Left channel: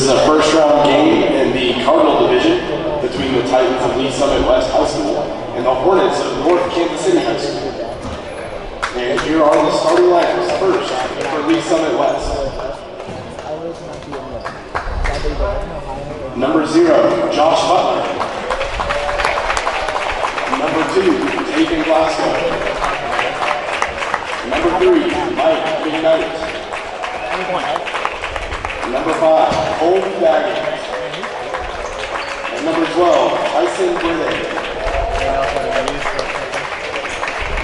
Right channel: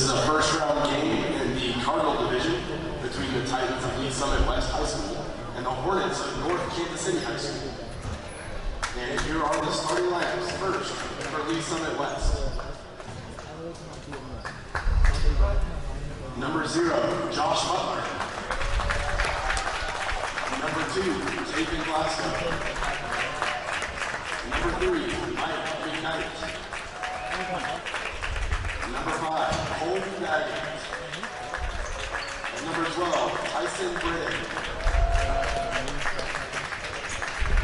This is a first round game in the Cardinal division between the Titans of Lee Summit West High School and the Hornets of North Kansas City High School. And here are the starting lineups. First, for Lee Summit West. Number 0, Josh Butler. Number 2, Taken Glasgow. Number 3, Mike McKnight. Number 5, Cole Baggins. And number 12, Tyson Burnett.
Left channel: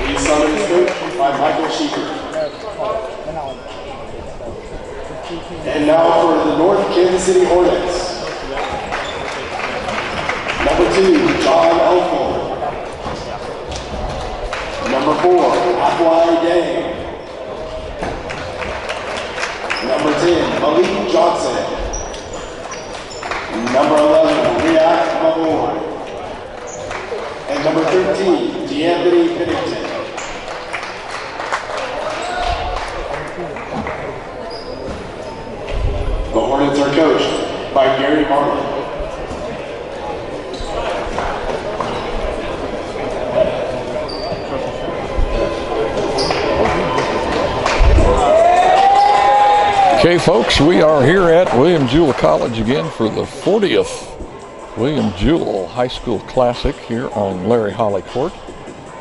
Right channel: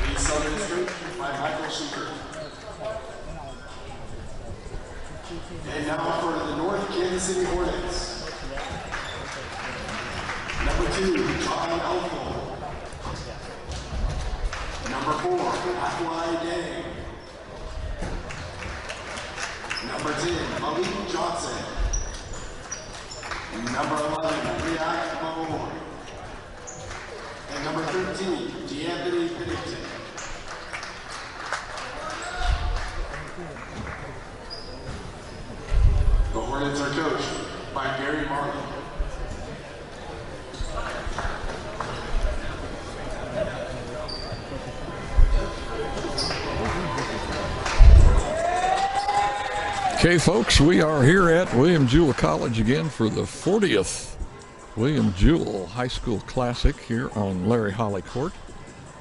Lee Summit is coached by Michael Sheeper. And now for the North Kansas City Hornets. Number 2, John Elford. Number 4, Akwai Day. Number 10, Malik Johnson. Number 11, React Mabor. And number 13, D'Anthony Pennington. The Hornets are coached by Gary Marlin. Okay, folks, we are here at William Jewell College again for the 40th William Jewell High School Classic here on Larry Holly Court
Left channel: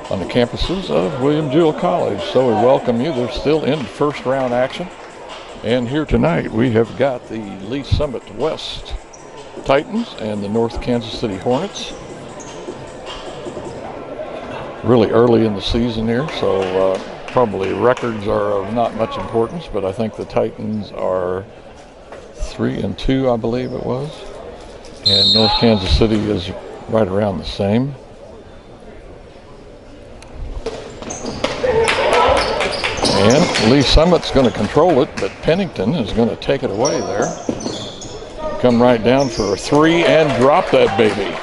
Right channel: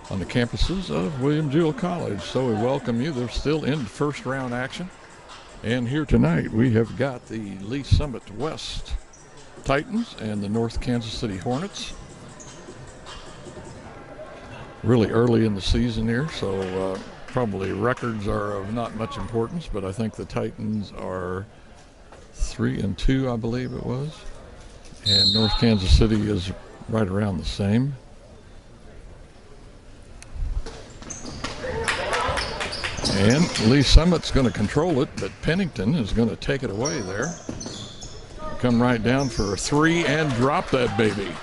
on the campuses of William Jewell College. So we welcome you. They're still in first round action. And here tonight we have got the Lee Summit West Titans and the North Kansas City Hornets. Really early in the season here, so probably records are of not much importance, but I think the Titans are 3-2, I believe it was. And North Kansas City is right around the same. And Lee Summit's going to control it, but Pennington is going to take it away there. Come right down for a 3 and drop that baby.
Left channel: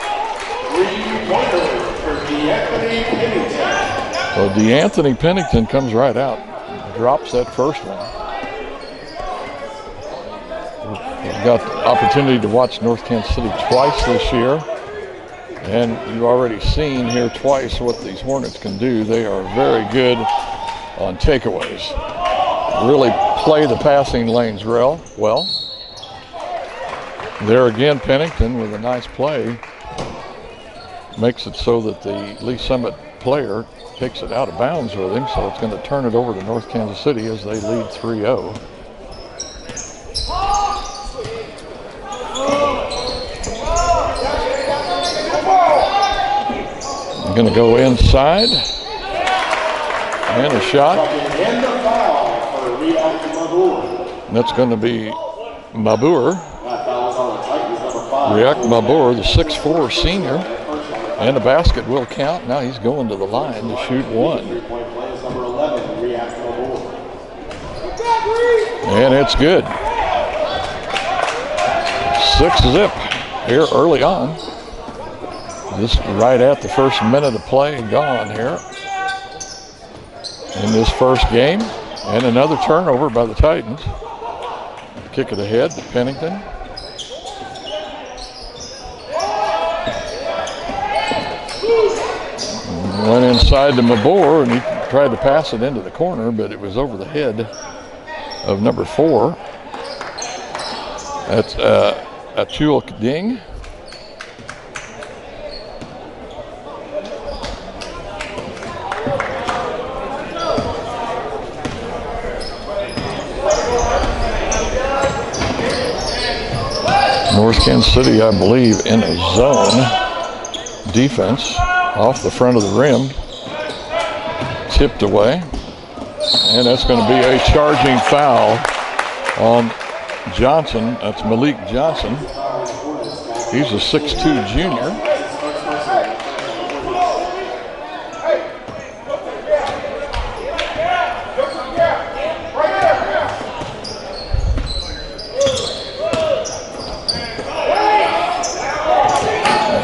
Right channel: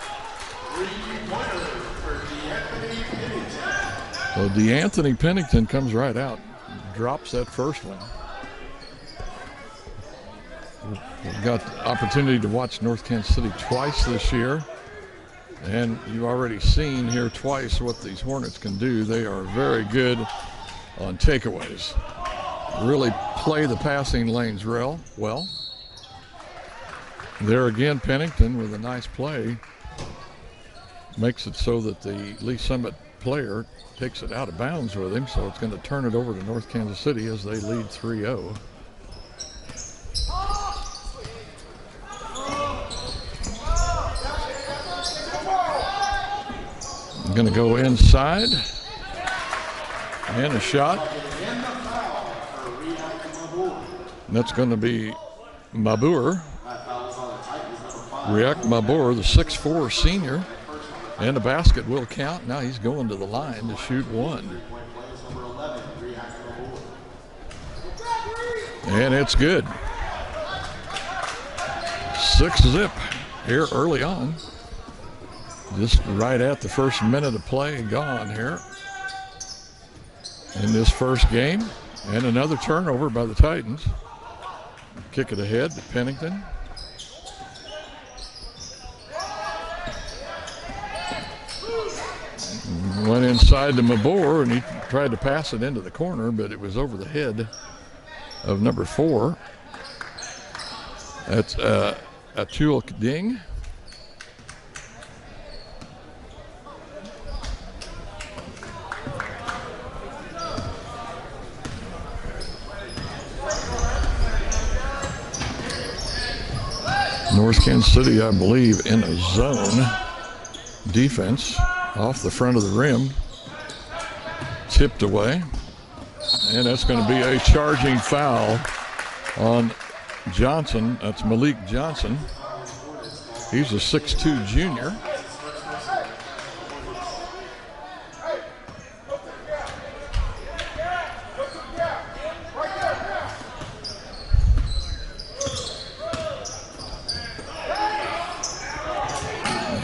Well, D'Anthony Pennington comes right out, drops that first one. We've got the opportunity to watch North Kansas City twice this year. And you've already seen here twice what these Hornets can do. They are very good on takeaways. Really play the passing lanes well. There again, Pennington with a nice play makes it so that the Lee Summit player takes it out of bounds with him, so it's going to turn it over to North Kansas City as they lead 3-0. I'm going to go inside. And a shot. And that's going to be Mabur. React Mabur, the 6'4" senior. And the basket will count. Now he's going to the line to shoot one. And it's good. 6-zip here early on. Just right at the first minute of play gone here in this first game. And another turnover by the Titans. Kick it ahead to Pennington. Went inside to Mabor, and he tried to pass it into the corner, but it was over the head of number 4. That's Achul Ding. North Kansas City, I believe, in a zone defense off the front of the rim. Tipped away. And that's going to be a charging foul on Johnson. That's Malik Johnson. He's a 6'2" junior.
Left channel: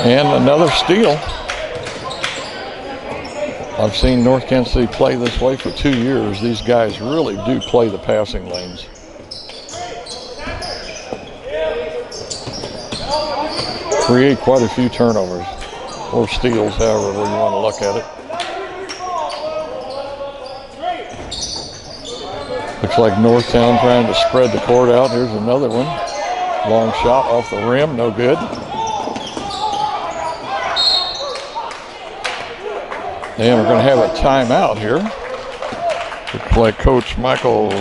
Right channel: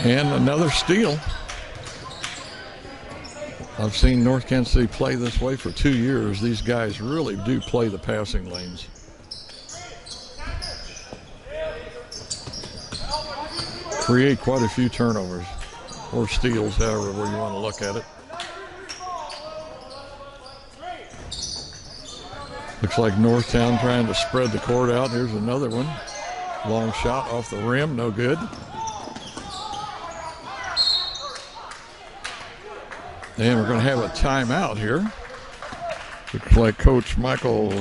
And another steal. I've seen North Kansas City play this way for 2 years. These guys really do play the passing lanes. create quite a few turnovers, or steals, however way you want to look at it. Looks like Northtown trying to spread the court out. Here's another one. Long shot off the rim, no good. And we're going to have a timeout here. Looks like Coach Michael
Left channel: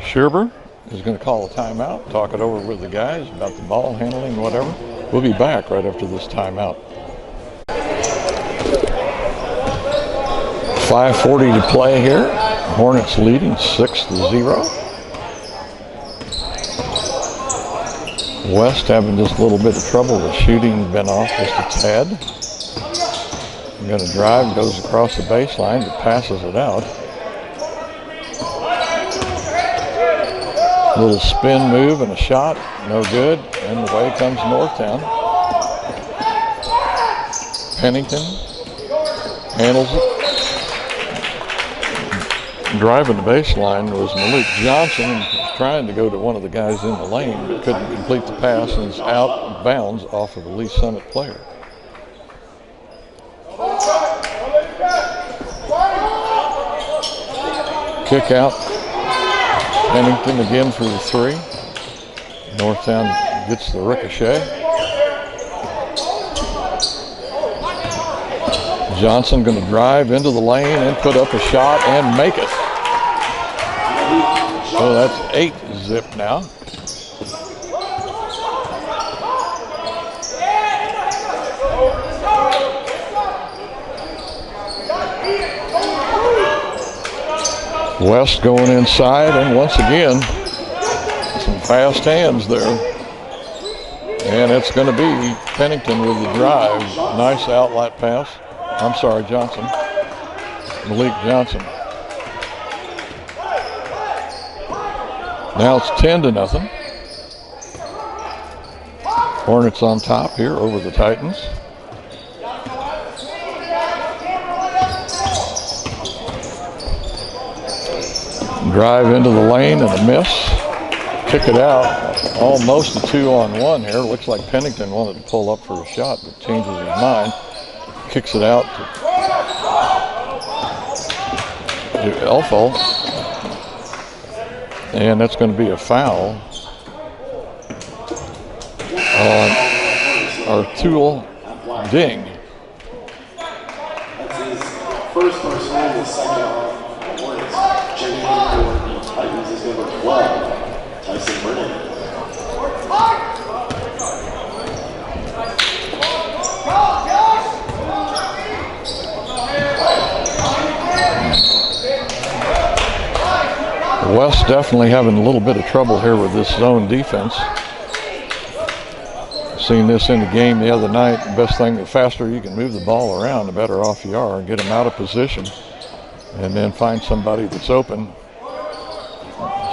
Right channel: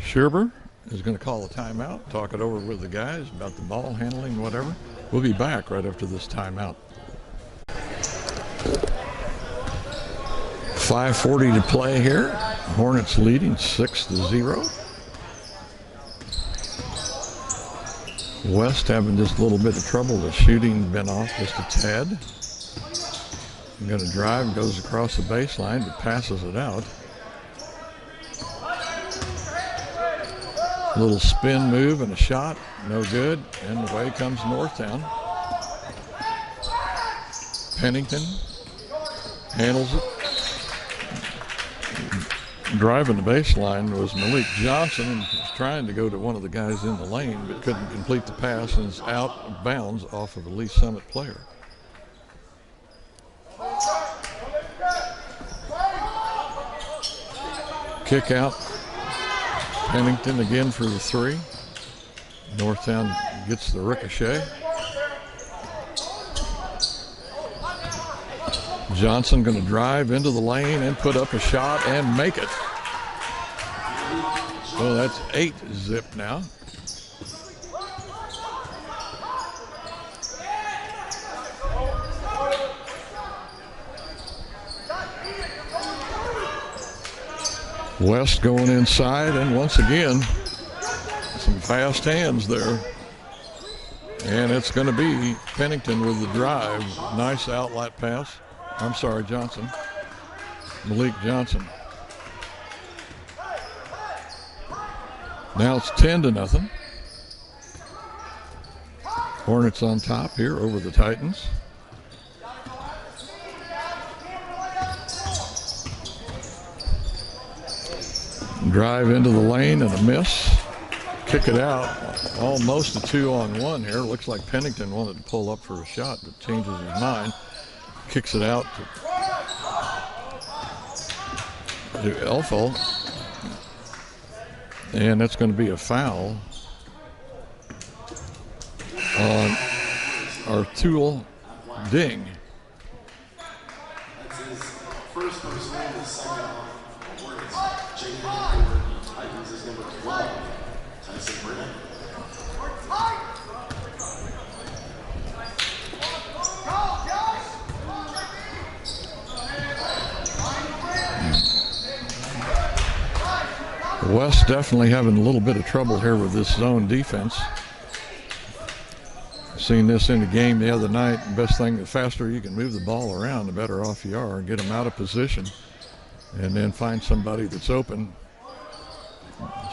Scherber is going to call a timeout, talk it over with the guys about the ball handling, whatever. We'll be back right after this timeout. 5:40 to play here. Hornets leading 6-0. West having just a little bit of trouble with shooting, been off just a tad. Going to drive, goes across the baseline, but passes it out. A little spin move and a shot, no good, and away comes Northtown. Pennington handles it. Driving the baseline was Malik Johnson, and was trying to go to one of the guys in the lane, but couldn't complete the pass, and is out of bounds off of a Lee Summit player. Kick out. Pennington again for the three. Northtown gets the ricochet. Johnson going to drive into the lane and put up a shot and make it. So that's 8-zip now. West going inside, and once again, some fast hands there. And it's going to be Pennington with the drive. Nice outlet pass. I'm sorry, Johnson. Malik Johnson. Now it's 10-0. Hornets on top here over the Titans. Drive into the lane and a miss. Kick it out. Almost a 2-on-1 here. Looks like Pennington wanted to pull up for a shot, but changes his mind. Kicks it out to Elfel. And that's going to be a foul on Artul Ding. That's his first personal, the second on Hornets. Checking in for the Titans is number 12, Tyson Burnett. West definitely having a little bit of trouble here with this zone defense. Seen this in the game the other night. The best thing, the faster you can move the ball around, the better off you are, and get them out of position. And then find somebody that's open.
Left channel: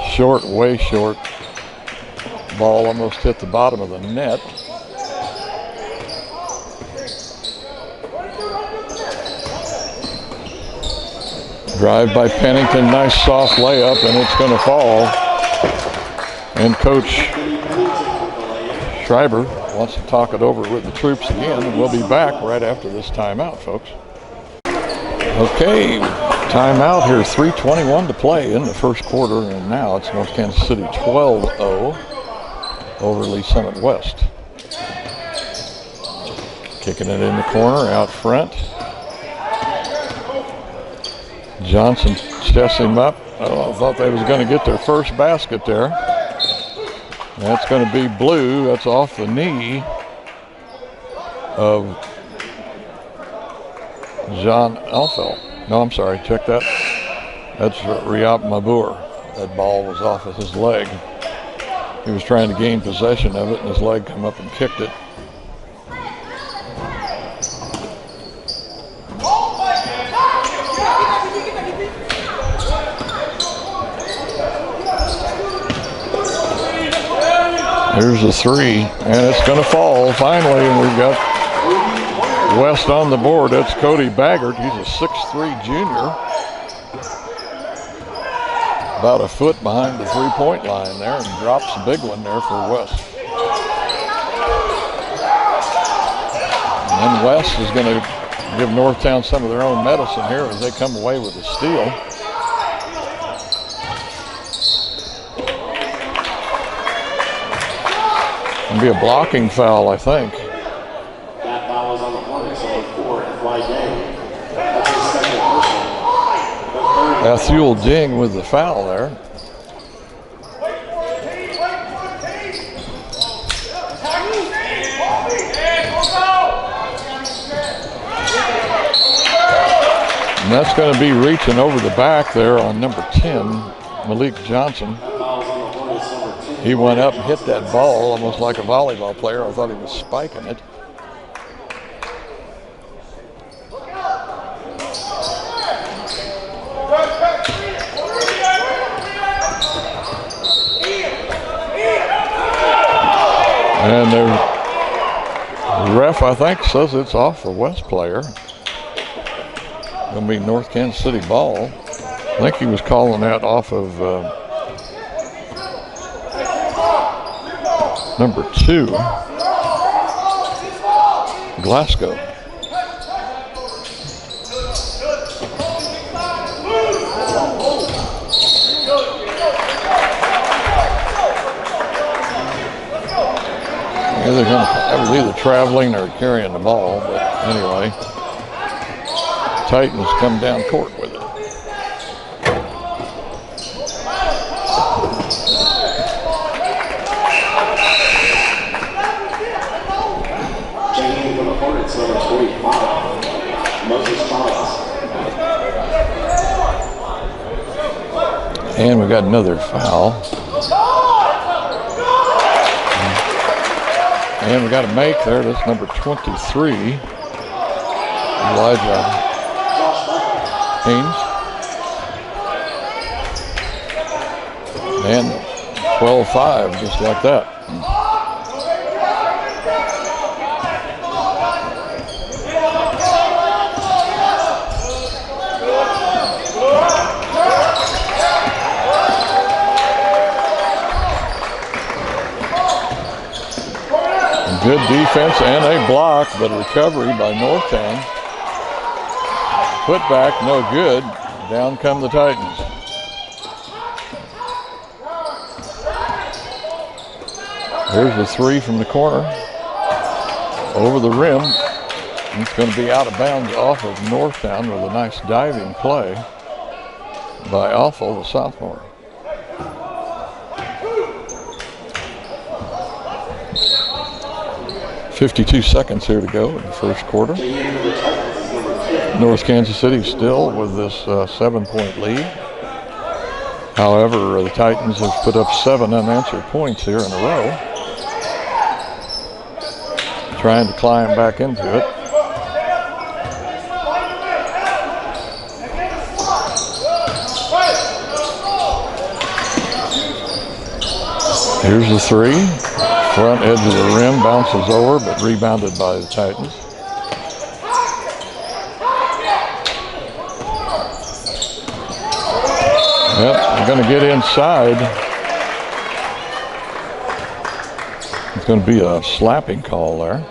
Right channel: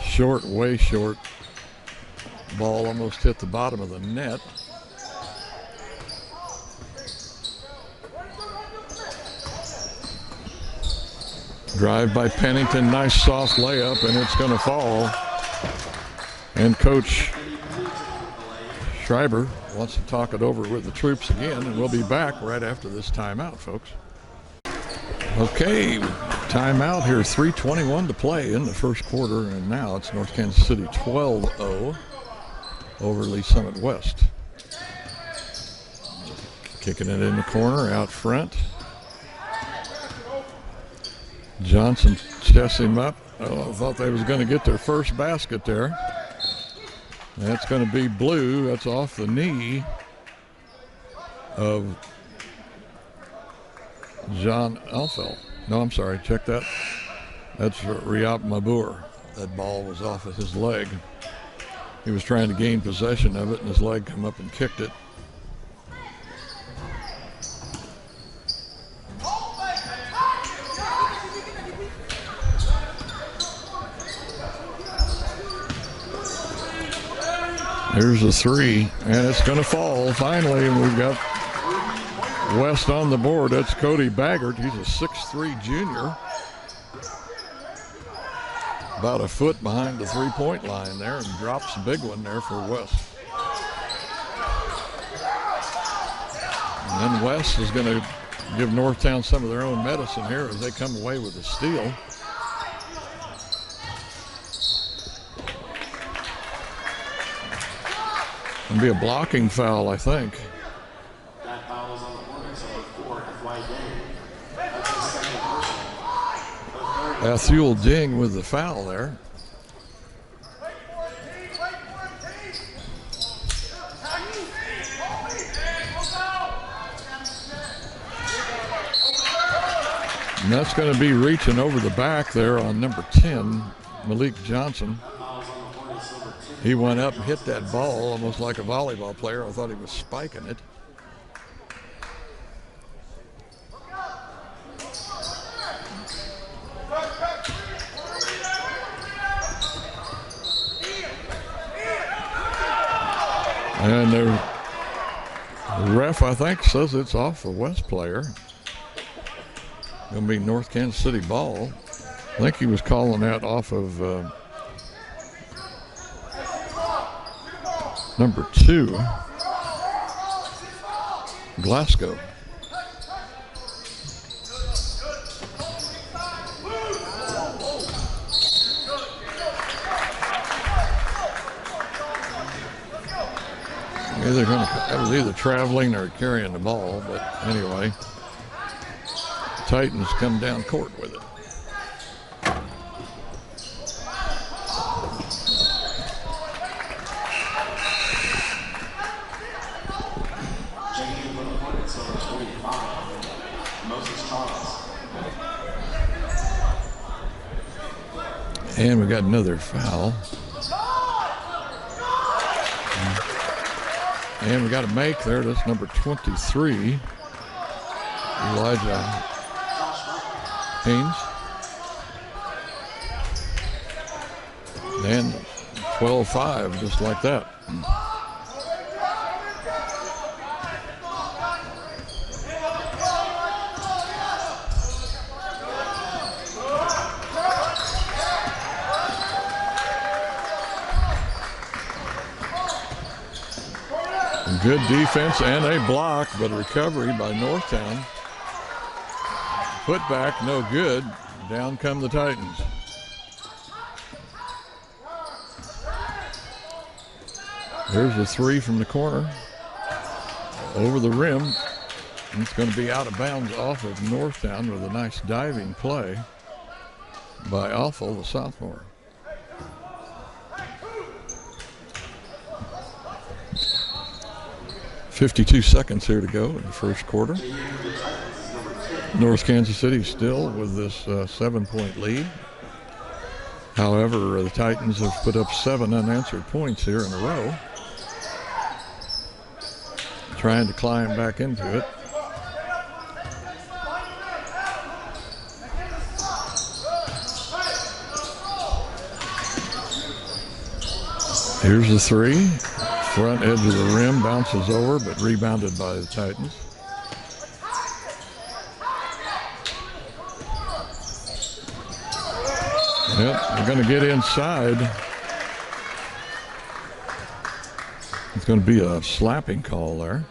Short, way short. Ball almost hit the bottom of the net. Drive by Pennington, nice soft layup, and it's going to fall. And Coach Schreiber wants to talk it over with the troops again, and we'll be back right after this timeout, folks. Okay, timeout here, 3:21 to play in the first quarter, and now it's North Kansas City 12-0 over Lee Summit West. Kicking it in the corner, out front. Johnson chests him up. Oh, I thought they was going to get their first basket there. That's going to be blue. That's off the knee of John Elfel. No, I'm sorry. Check that. That's Riyad Mabur. That ball was off of his leg. He was trying to gain possession of it, and his leg come up and kicked it. Here's a three, and it's going to fall finally, and we've got West on the board. That's Cody Baggert. He's a 6'3" junior. About a foot behind the three-point line there, and drops a big one there for West. And West is going to give Northtown some of their own medicine here as they come away with a steal. It'll be a blocking foul, I think. That foul is on the Hornets, so 4 in the flag game. That's his second personal. Athul Ding with the foul there. And that's going to be reaching over the back there on number 10, Malik Johnson. He went up and hit that ball almost like a volleyball player. I thought he was spiking it. And the ref, I think, says it's off the West player. Going to be North Kansas City ball. I think he was calling that off of number 2, Glasgow. That was either traveling or carrying the ball, but anyway, Titans come down court with it. Changing for the Hornets, number 25, Moses Charles. And we got another foul. And we got a make there. That's number 23, Elijah Haynes. And 12-5, just like that. Good defense and a block, but a recovery by Northtown. Put back, no good. Down come the Titans. Here's the 3 from the corner. Over the rim. It's going to be out of bounds off of Northtown with a nice diving play by Awful, the sophomore. .52 seconds here to go in the first quarter. North Kansas City still with this 7-point lead. However, the Titans have put up 7 unanswered points here in a row. Trying to climb back into it. Here's the 3. Front edge of the rim, bounces over, but rebounded by the Titans. Yep, they're going to get inside. It's going to be a slapping call there.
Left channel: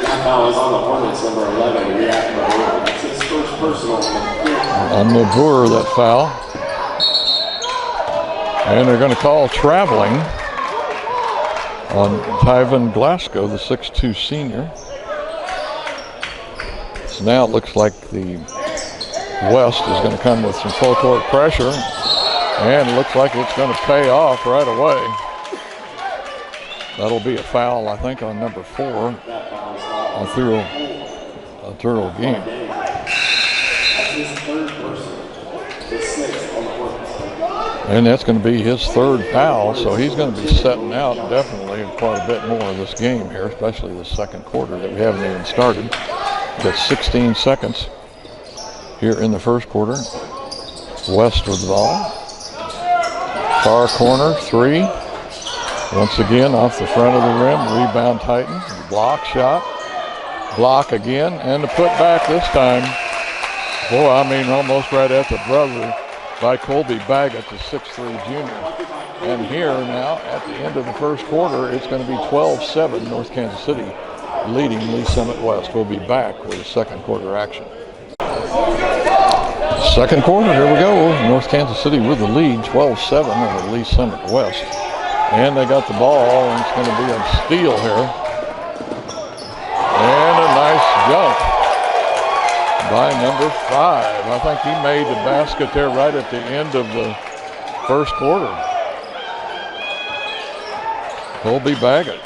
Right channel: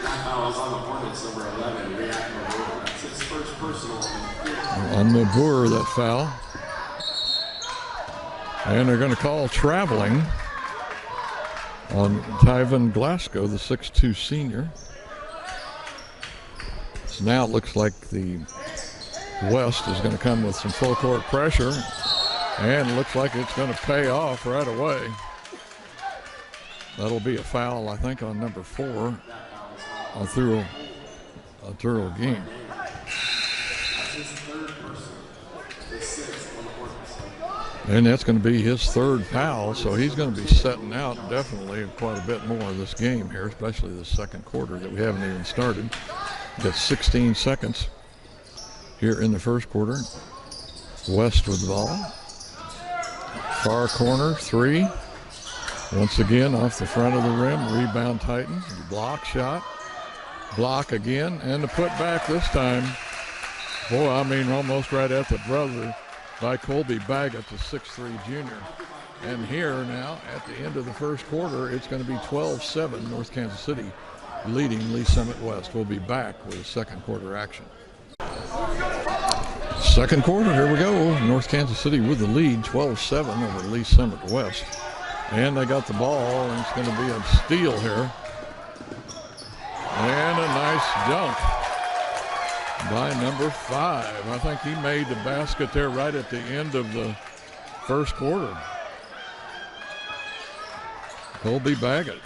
That foul is on the Hornets, number 11, Riyad Mabur. That's his first personal. On Mabur, that foul. And they're going to call traveling on Tyven Glasgow, the 6'2 senior. So now it looks like the West is going to come with some full court pressure, and it looks like it's going to pay off right away. That'll be a foul, I think, on number 4 on Thurl Game. And that's going to be his 3rd foul, so he's going to be setting out definitely quite a bit more of this game here, especially the second quarter that we haven't even started. Got 16 seconds here in the first quarter. West with the ball. Far corner, 3. Once again off the front of the rim, rebound Titans. Block shot, block again, and the put back this time. Boy, I mean almost right at the buzzer. by Colby Baggett, the 6'3" junior. And here now, at the end of the first quarter, it's going to be 12-7 North Kansas City leading Lee Summit West. We'll be back with the second quarter action. Second quarter, here we go. North Kansas City with the lead, 12-7 over Lee Summit West. And they got the ball, and it's going to be a steal here. And a nice dunk by number 5. I think he made the basket there right at the end of the first quarter. Colby Baggett.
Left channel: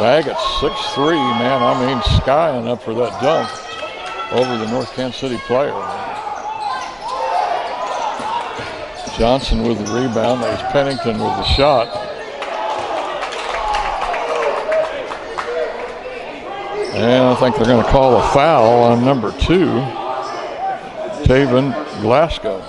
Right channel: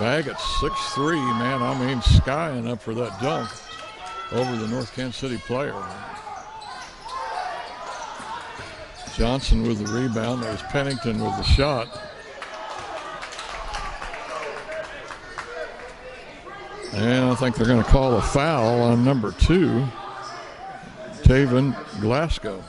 Baggett, 6'3", man. I mean, skying up for that dunk over the North Kansas City player. Johnson with the rebound. There's Pennington with the shot. And I think they're going to call a foul on number 2, Taven Glasgow.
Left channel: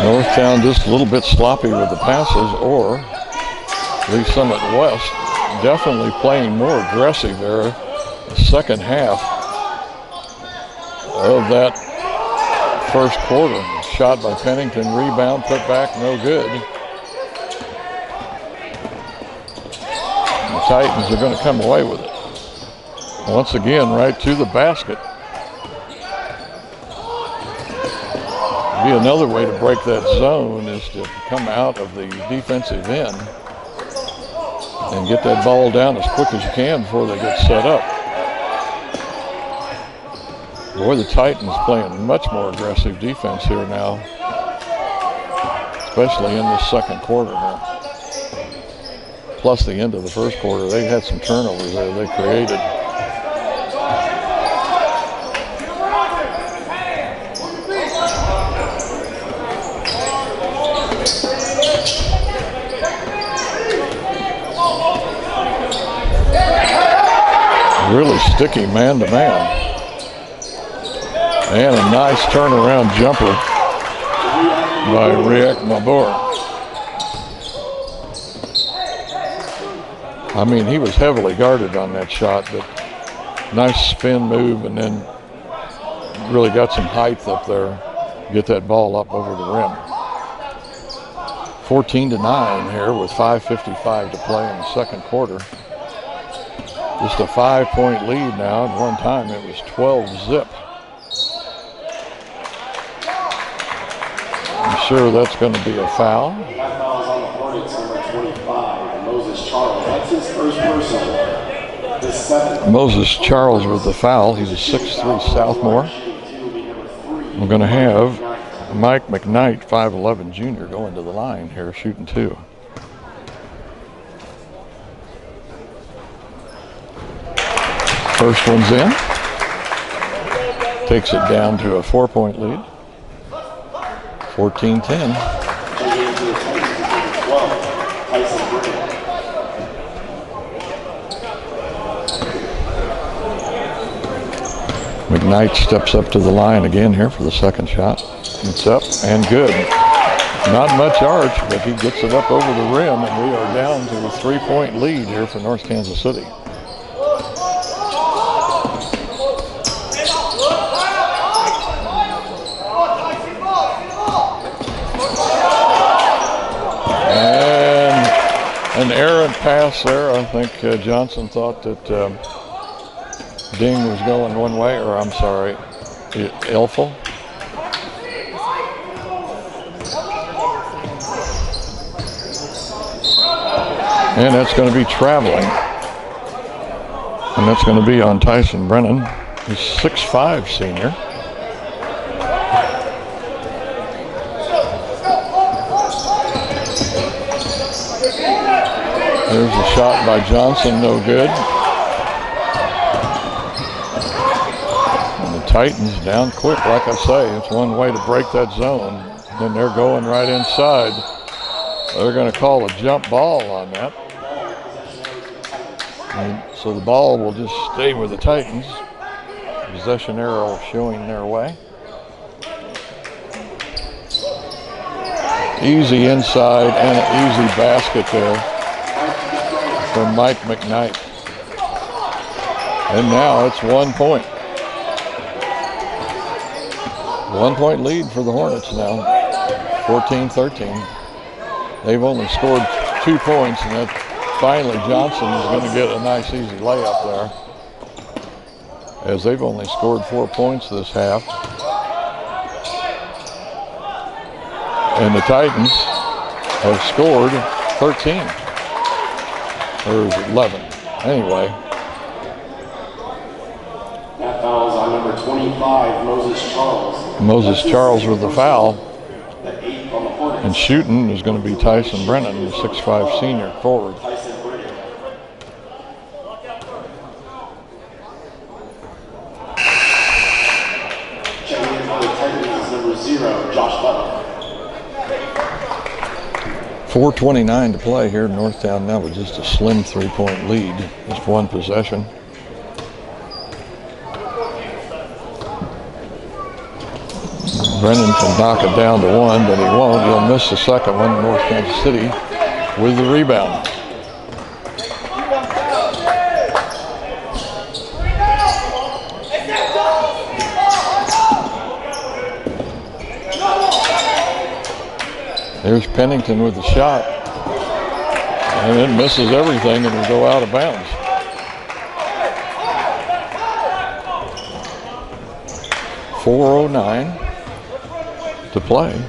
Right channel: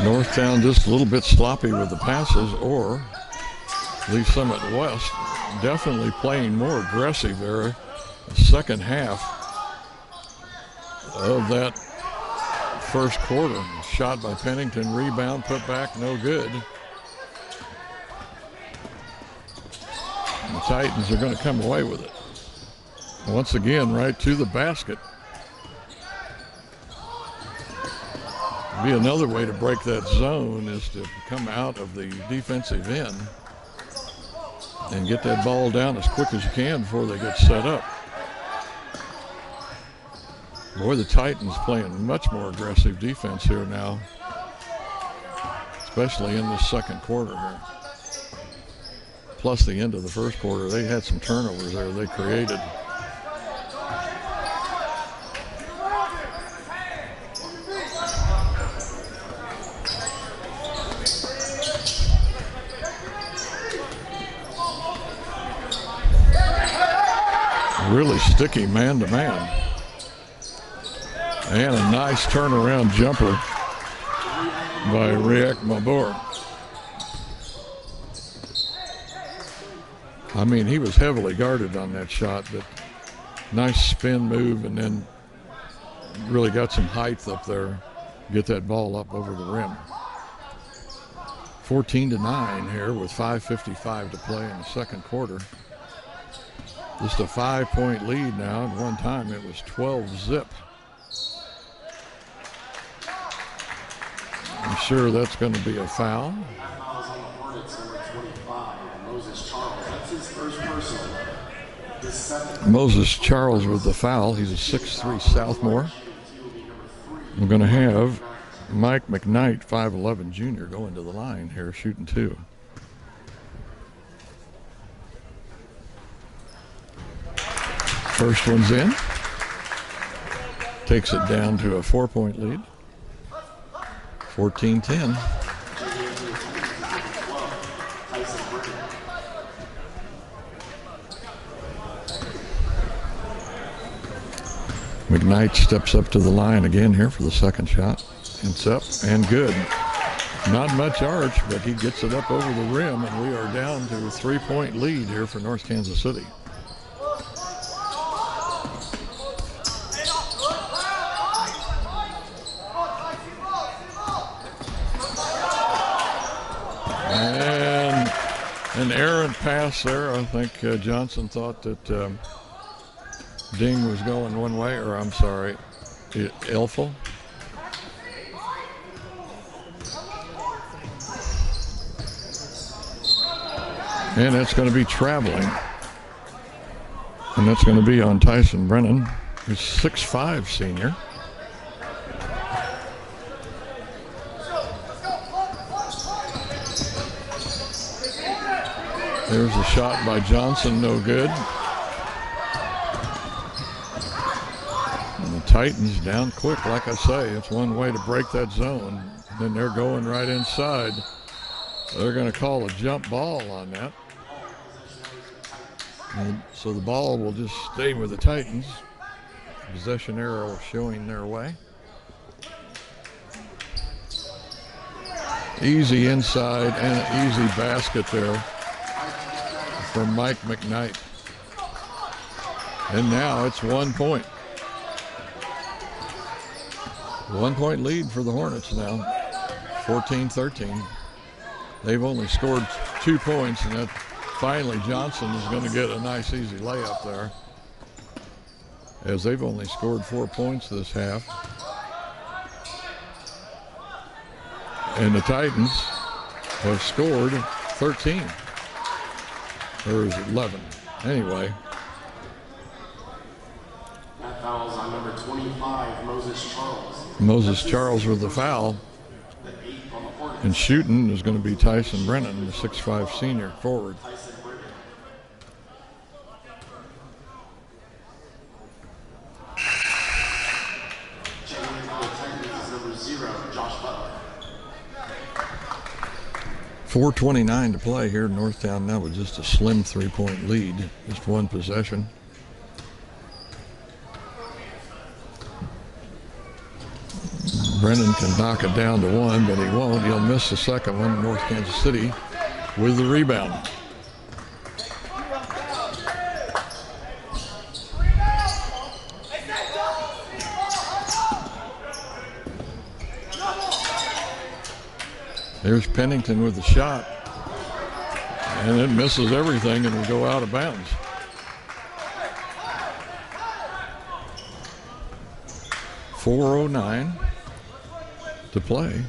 Northtown just a little bit sloppy with the passes, or Lee Summit West definitely playing more aggressive there. The second half of that first quarter. Shot by Pennington, rebound, put back, no good. The Titans are going to come away with it. Once again, right to the basket. Be another way to break that zone is to come out of the defensive end and get that ball down as quick as you can before they get set up. Boy, the Titans playing much more aggressive defense here now, especially in this second quarter here. Plus the end of the first quarter, they had some turnovers there they created. Really sticky man-to-man. And a nice turnaround jumper by Riek Mabor. I mean, he was heavily guarded on that shot, but nice spin move, and then really got some height up there. Get that ball up over the rim. 14-9 here with 5:55 to play in the second quarter. Just a 5-point lead now. At one time it was 12-zip. I'm sure that's going to be a foul. That foul is on the Hornets, number 25, and Moses Charles. That's his first personal. The seventh. Moses Charles with the foul. He's a 6'3" sophomore. We're going to have Mike McKnight, 5'11" junior, going to the line here, shooting 2. First one's in. Takes it down to a 4-point lead. 14-10. McKnight steps up to the line again here for the second shot. It's up and good. Not much arch, but he gets it up over the rim, and we are down to a 3-point lead here for North Kansas City. An errant pass there. I think Johnson thought that Ding was going one way, or I'm sorry, Elfel. And that's going to be traveling. And that's going to be on Tyson Brennan. He's 6'5", senior. There's a shot by Johnson, no good. And the Titans down quick, like I say. It's one way to break that zone. Then they're going right inside. They're going to call a jump ball on that. And so the ball will just stay with the Titans. Possession arrow showing their way. Easy inside and an easy basket there from Mike McKnight. And now it's 1 point. 1 point lead for the Hornets now, 14-13. They've only scored 2 points, and that finally Johnson is going to get a nice easy layup there, as they've only scored 4 points this half. And the Titans have scored 13, or is it 11? Anyway. That foul is on number 25, Moses Charles. Moses Charles with the foul. And shooting is going to be Tyson Brennan, the 6'5" senior forward. Checking in for the Titans is number 0, Josh Butler. 4:29 to play here in Northtown now with just a slim 3-point lead, just one possession. Brennan can knock it down to 1, but he won't. He'll miss the second one. North Kansas City with the rebound. There's Pennington with the shot, and it misses everything and will go out of bounds. .409 to play,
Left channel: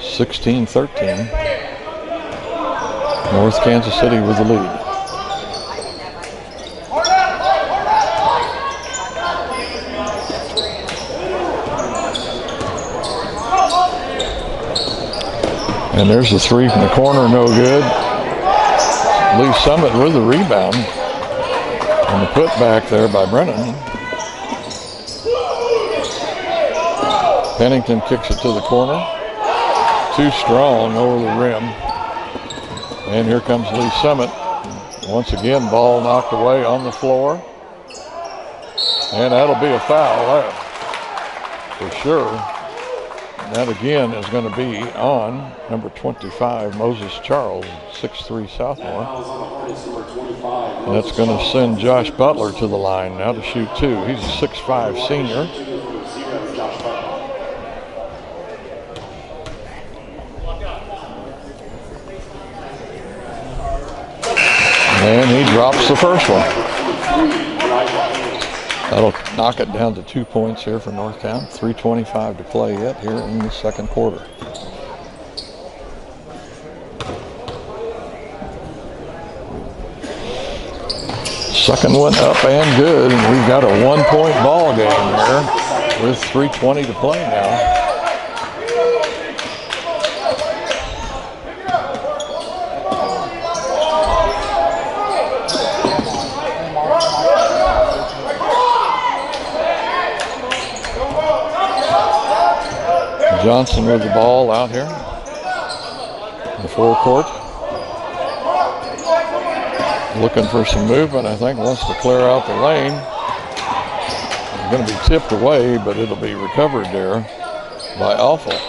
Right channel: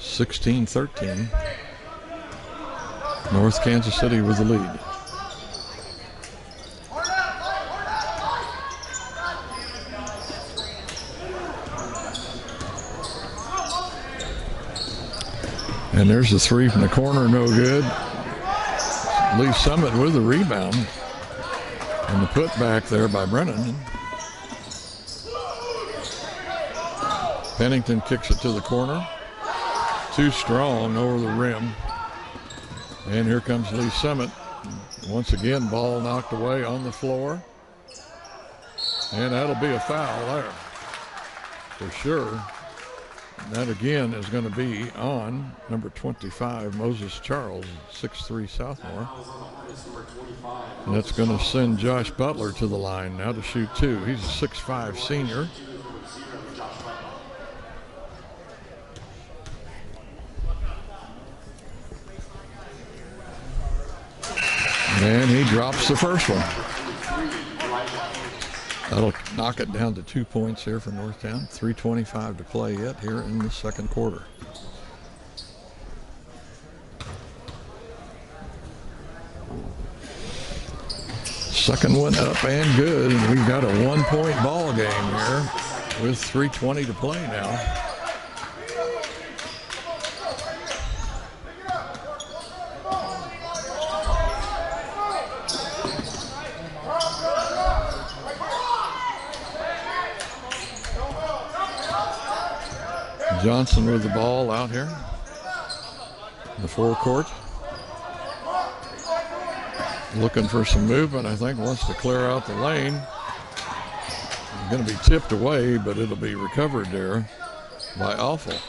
16-13. North Kansas City with the lead. And there's the three from the corner, no good. Lee Summit with the rebound. And the putback there by Brennan. Pennington kicks it to the corner. Too strong over the rim. And here comes Lee Summit. Once again, ball knocked away on the floor. And that'll be a foul there, for sure. That again is going to be on number 25, Moses Charles, 6'3" sophomore. And that's going to send Josh Butler to the line now to shoot 2. He's a 6'5" senior. And he drops the first one. That'll knock it down to 2 points here for Northtown. 3:25 to play yet here in the second quarter. Second one up and good, and we've got a 1-point ball game here with 3:20 to play now. Johnson with the ball out here in the forecourt. Looking for some movement, I think, wants to clear out the lane. It's going to be tipped away, but it'll be recovered there by Alpha.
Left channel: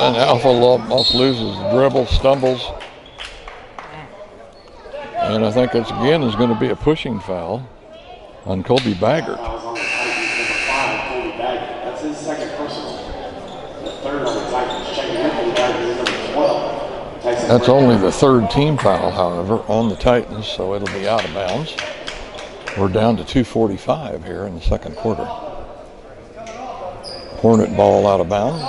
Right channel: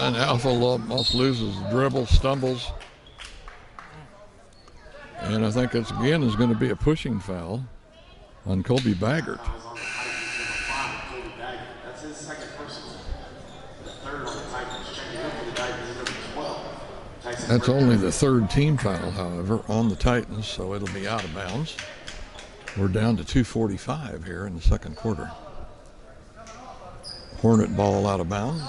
And Alpha almost loses the dribble, stumbles. And I think it's again is going to be a pushing foul on Colby Baggert. That's only the third team foul, however, on the Titans, so it'll be out of bounds. We're down to 2:45 here in the second quarter. Hornet ball out of bounds.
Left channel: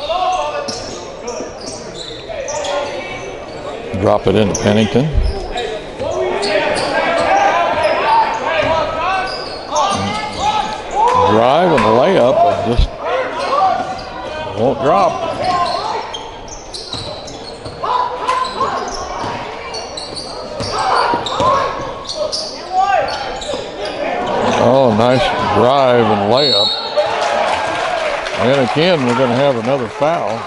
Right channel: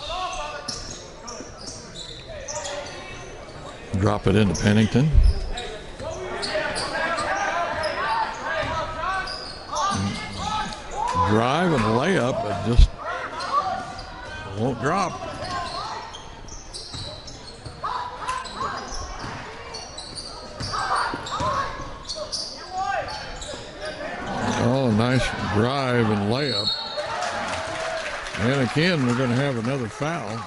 Drop it into Pennington. Drive and layup, but just won't drop. Oh, nice drive and layup. And again, we're going to have another foul.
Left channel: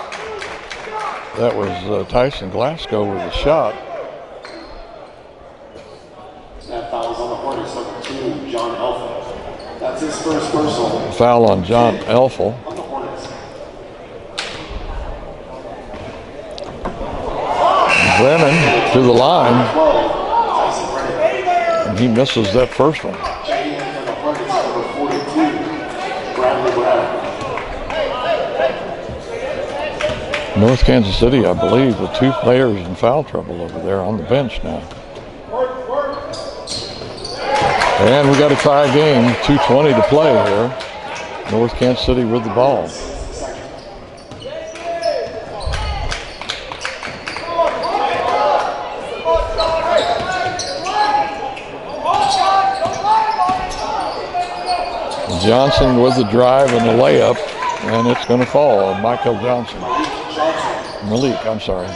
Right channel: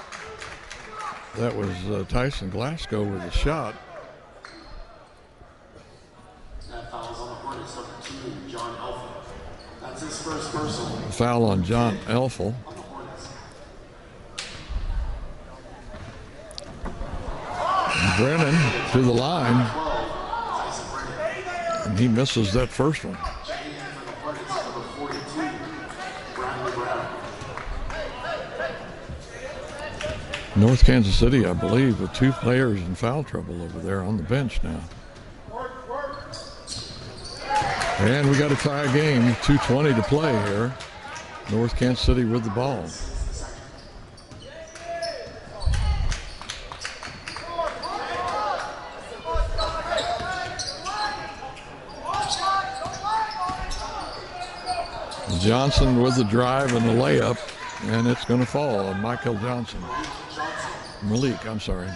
That was Tyson Glasgow with a shot. That foul is on the Hornets, number 2, John Elfel. That's his first personal. Foul on John Elfel. Brennan to the line, and he misses that first one. North Kansas City, I believe, with 2 players in foul trouble over there on the bench now. And we got to tie a game, 2:20 to play here. North Kansas City with the ball. Johnson with the drive and the layup, and it's going to fall. Michael Johnson. Malik, I'm sorry.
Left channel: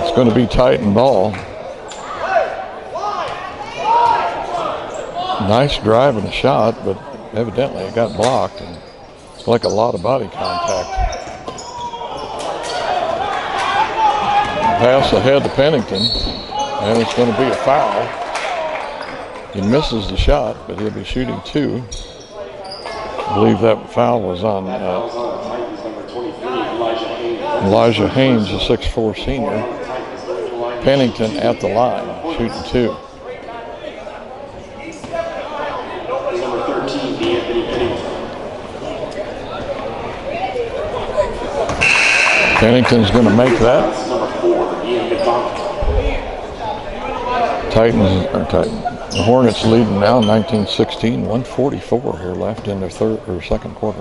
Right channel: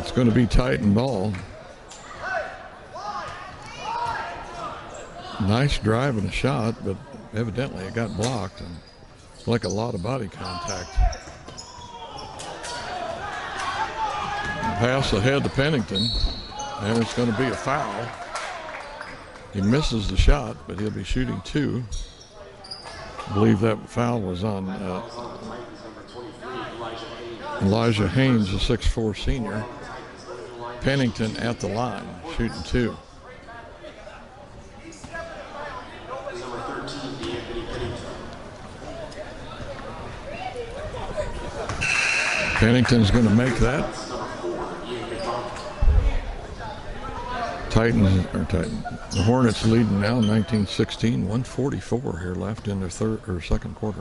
It's going to be Titan ball. Nice drive and a shot, but evidently it got blocked, and it's like a lot of body contact. Pass ahead to Pennington, and it's going to be a foul. He misses the shot, but he'll be shooting 2. I believe that foul was on Elijah Haynes, a 6'4" senior. Pennington at the line, shooting 2. Pennington's going to make that. The Hornets leading now 19-16, 1:44 here left in their second quarter.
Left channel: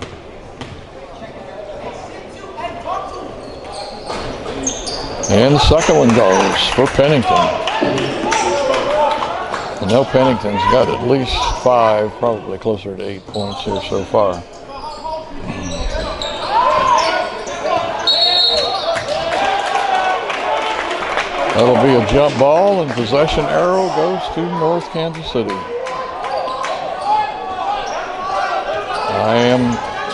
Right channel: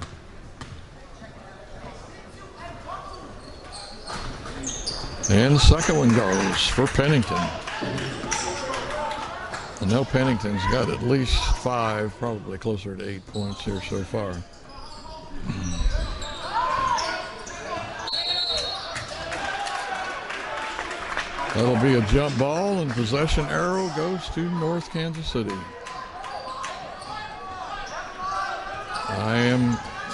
And the second one goes for Pennington. I know Pennington's got at least 5, probably closer to 8 points here so far. That'll be a jump ball, and possession arrow goes to North Kansas City.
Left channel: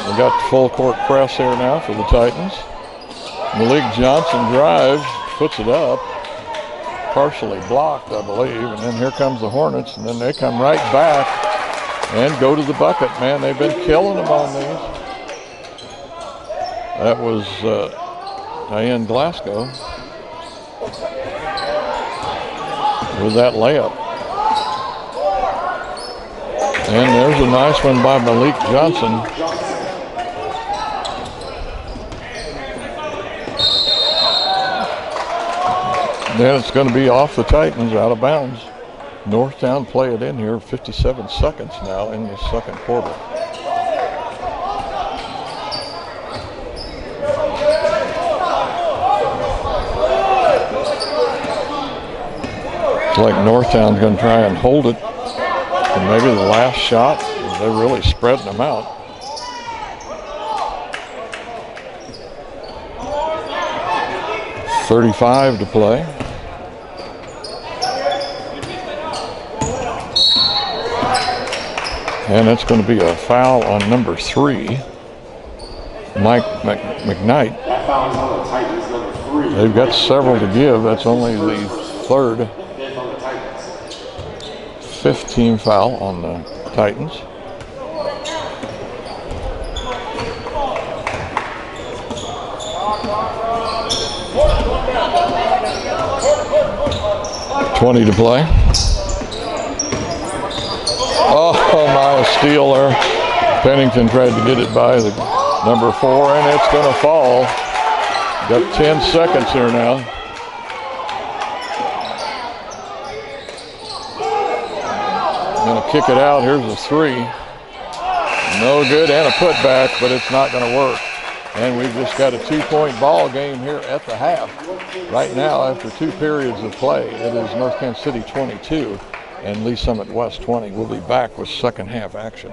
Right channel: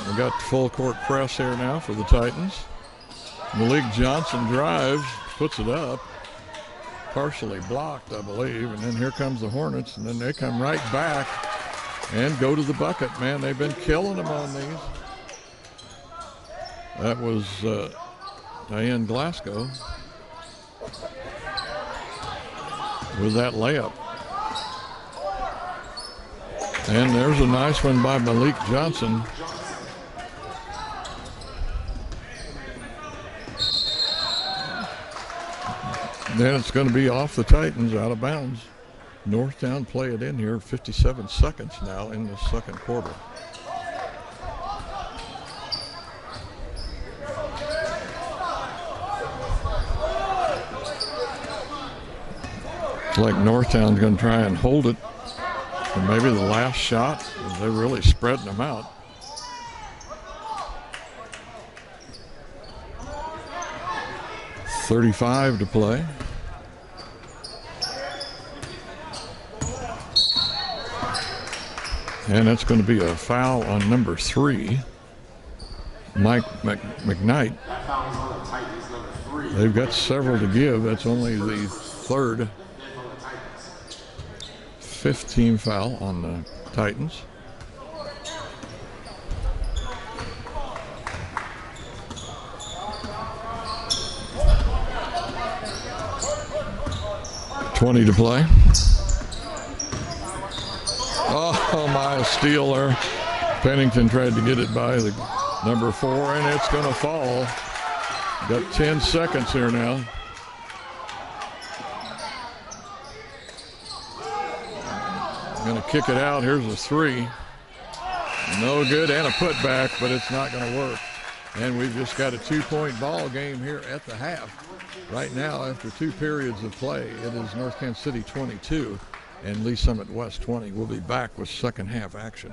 We got full court press here now for the Titans. Malik Johnson drives, puts it up, partially blocked, I believe, and then here comes the Hornets, and then they come right back and go to the bucket. Man, they've been killing them on these. That was Diane Glasgow with that layup. And there's a nice one by Malik Johnson. Then it's going to be off the Titans, out of bounds. Northtown play it in here, 57 seconds now in the second quarter. It's like Northtown's going to try and hold it. And maybe the last shot, they're really spreading them out. .35 to play. And it's going to be a foul on number 3, Mike McKnight. They've got several to give. That's only the third, 5th team foul on the Titans. .20 to play. Oh my, a steal there. Pennington tried to get it by the number 4, and it's going to fall. Got 10 seconds here now. Going to kick it out. Here's a 3. No good, and a putback, but it's not going to work. And we've just got a 2-point ball game here at the half. Right now, after 2 periods of play, it is North Kansas City 22 and Lee Summit West 20. We'll be back with second half action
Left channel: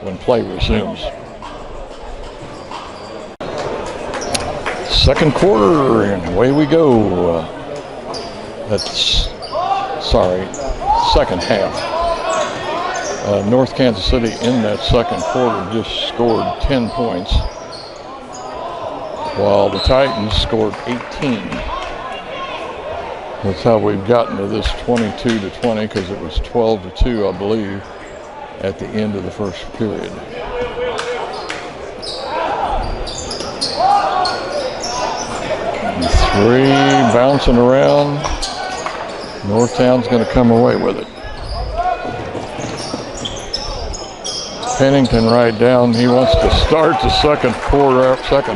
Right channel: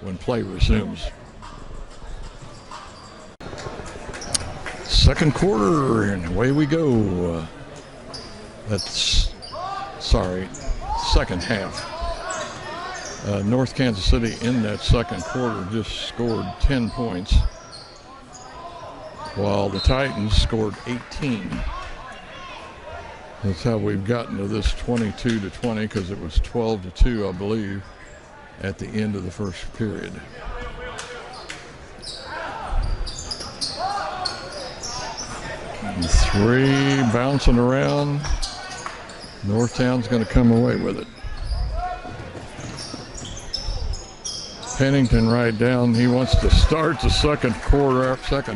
when play resumes. Second quarter, and away we go. Second half. North Kansas City in that second quarter just scored 10 points, while the Titans scored 18. That's how we've gotten to this 22-20, because it was 12-2, I believe, at the end of the first period. Three bouncing around. Northtown's going to come away with it. Pennington right down. He wants to start the second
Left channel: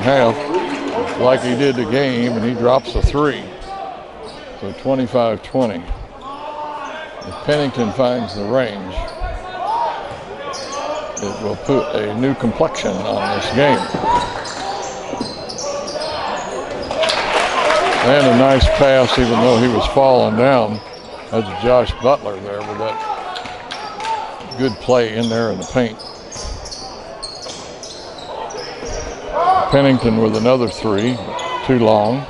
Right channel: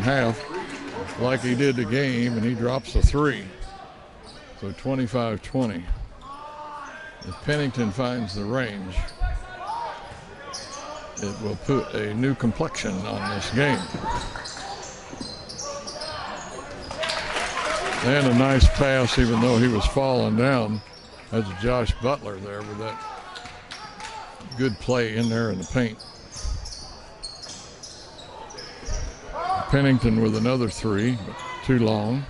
half like he did the game, and he drops a three. So 25-20. If Pennington finds the range, it will put a new complexion on this game. And a nice pass, even though he was falling down. That's Josh Butler there with that good play in there in the paint. Pennington with another three, but too long.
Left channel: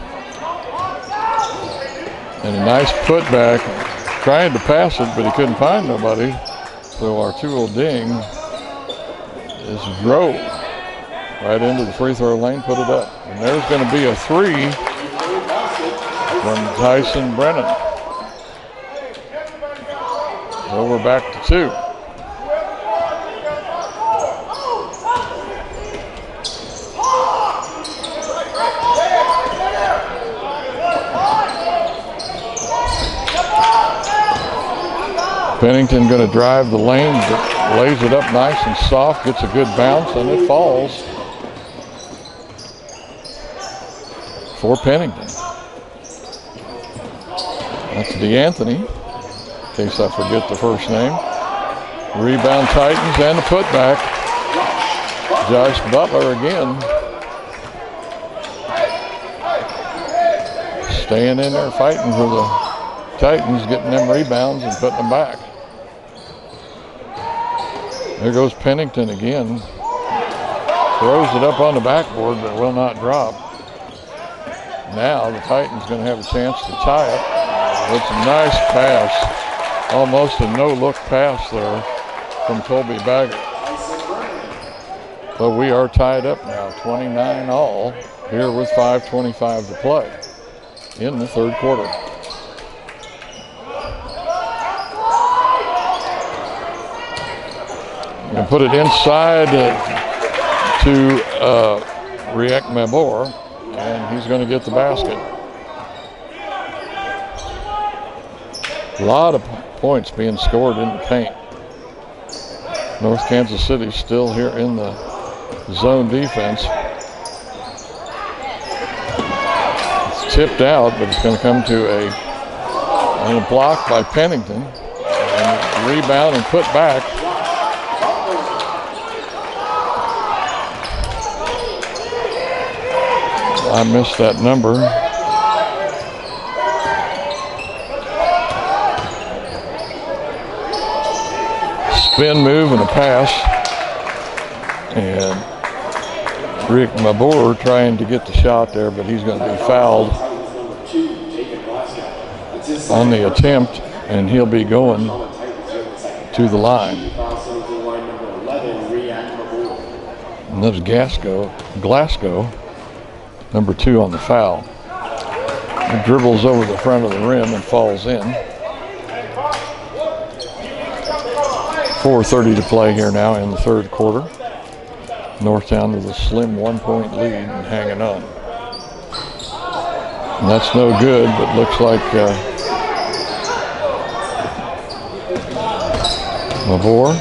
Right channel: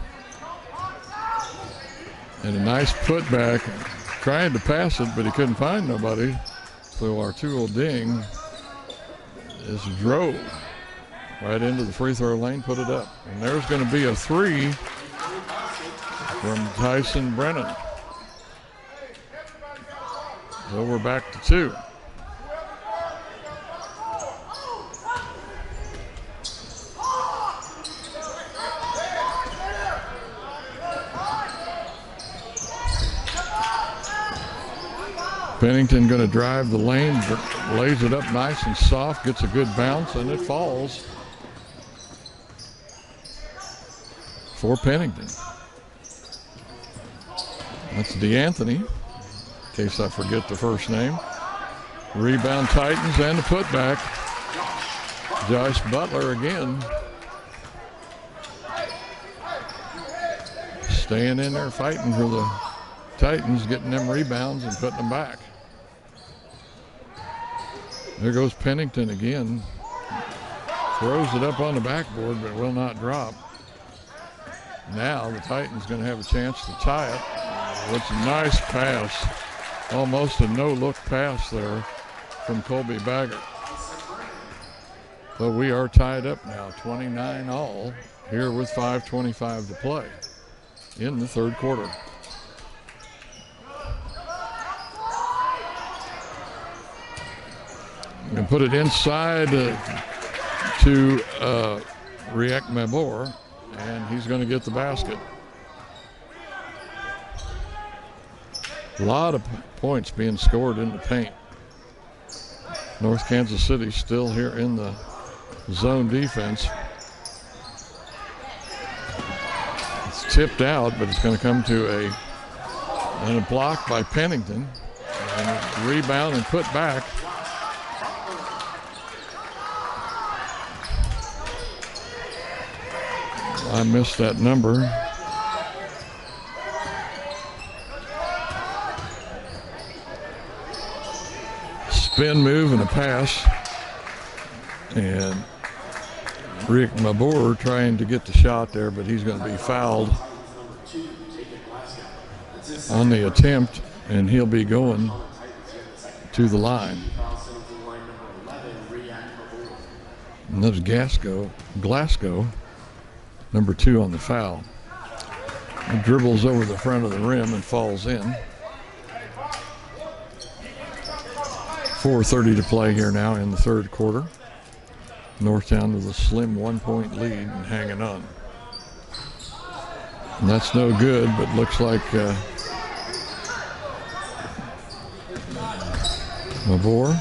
And a nice putback, trying to pass it, but he couldn't find nobody. So Arturo Ding is drove right into the free throw lane, put it up. And there's going to be a three from Tyson Brennan. So we're back to two. Pennington going to drive the lane, lays it up nice and soft, gets a good bounce, and it falls for Pennington. That's DeAnthony, in case I forget the first name. Rebound Titans and the putback. Josh Butler again. Staying in there fighting for the Titans, getting them rebounds and putting them back. There goes Pennington again. Throws it up on the backboard, but will not drop. Now the Titans going to have a chance to tie it. It's a nice pass. Almost a no-look pass there from Colby Baggett. So we are tied up now, 29 all, here with 5:25 to play in the third quarter. And put it inside to Riek Mabor, and he's going to get the basket. A lot of points being scored in the paint. North Kansas City still here in the zone defense. It's tipped out, but it's going to come to a block by Pennington, and rebound and put back. I missed that number. Spin move and a pass. And Riek Mabor trying to get the shot there, but he's going to be fouled on the attempt, and he'll be going to the line. And that's Glasgow. Number 2 on the foul. He dribbles over the front of the rim and falls in. 4:30 to play here now in the third quarter. Northtown with a slim 1-point lead and hanging on. And that's no good, but looks like Mabor.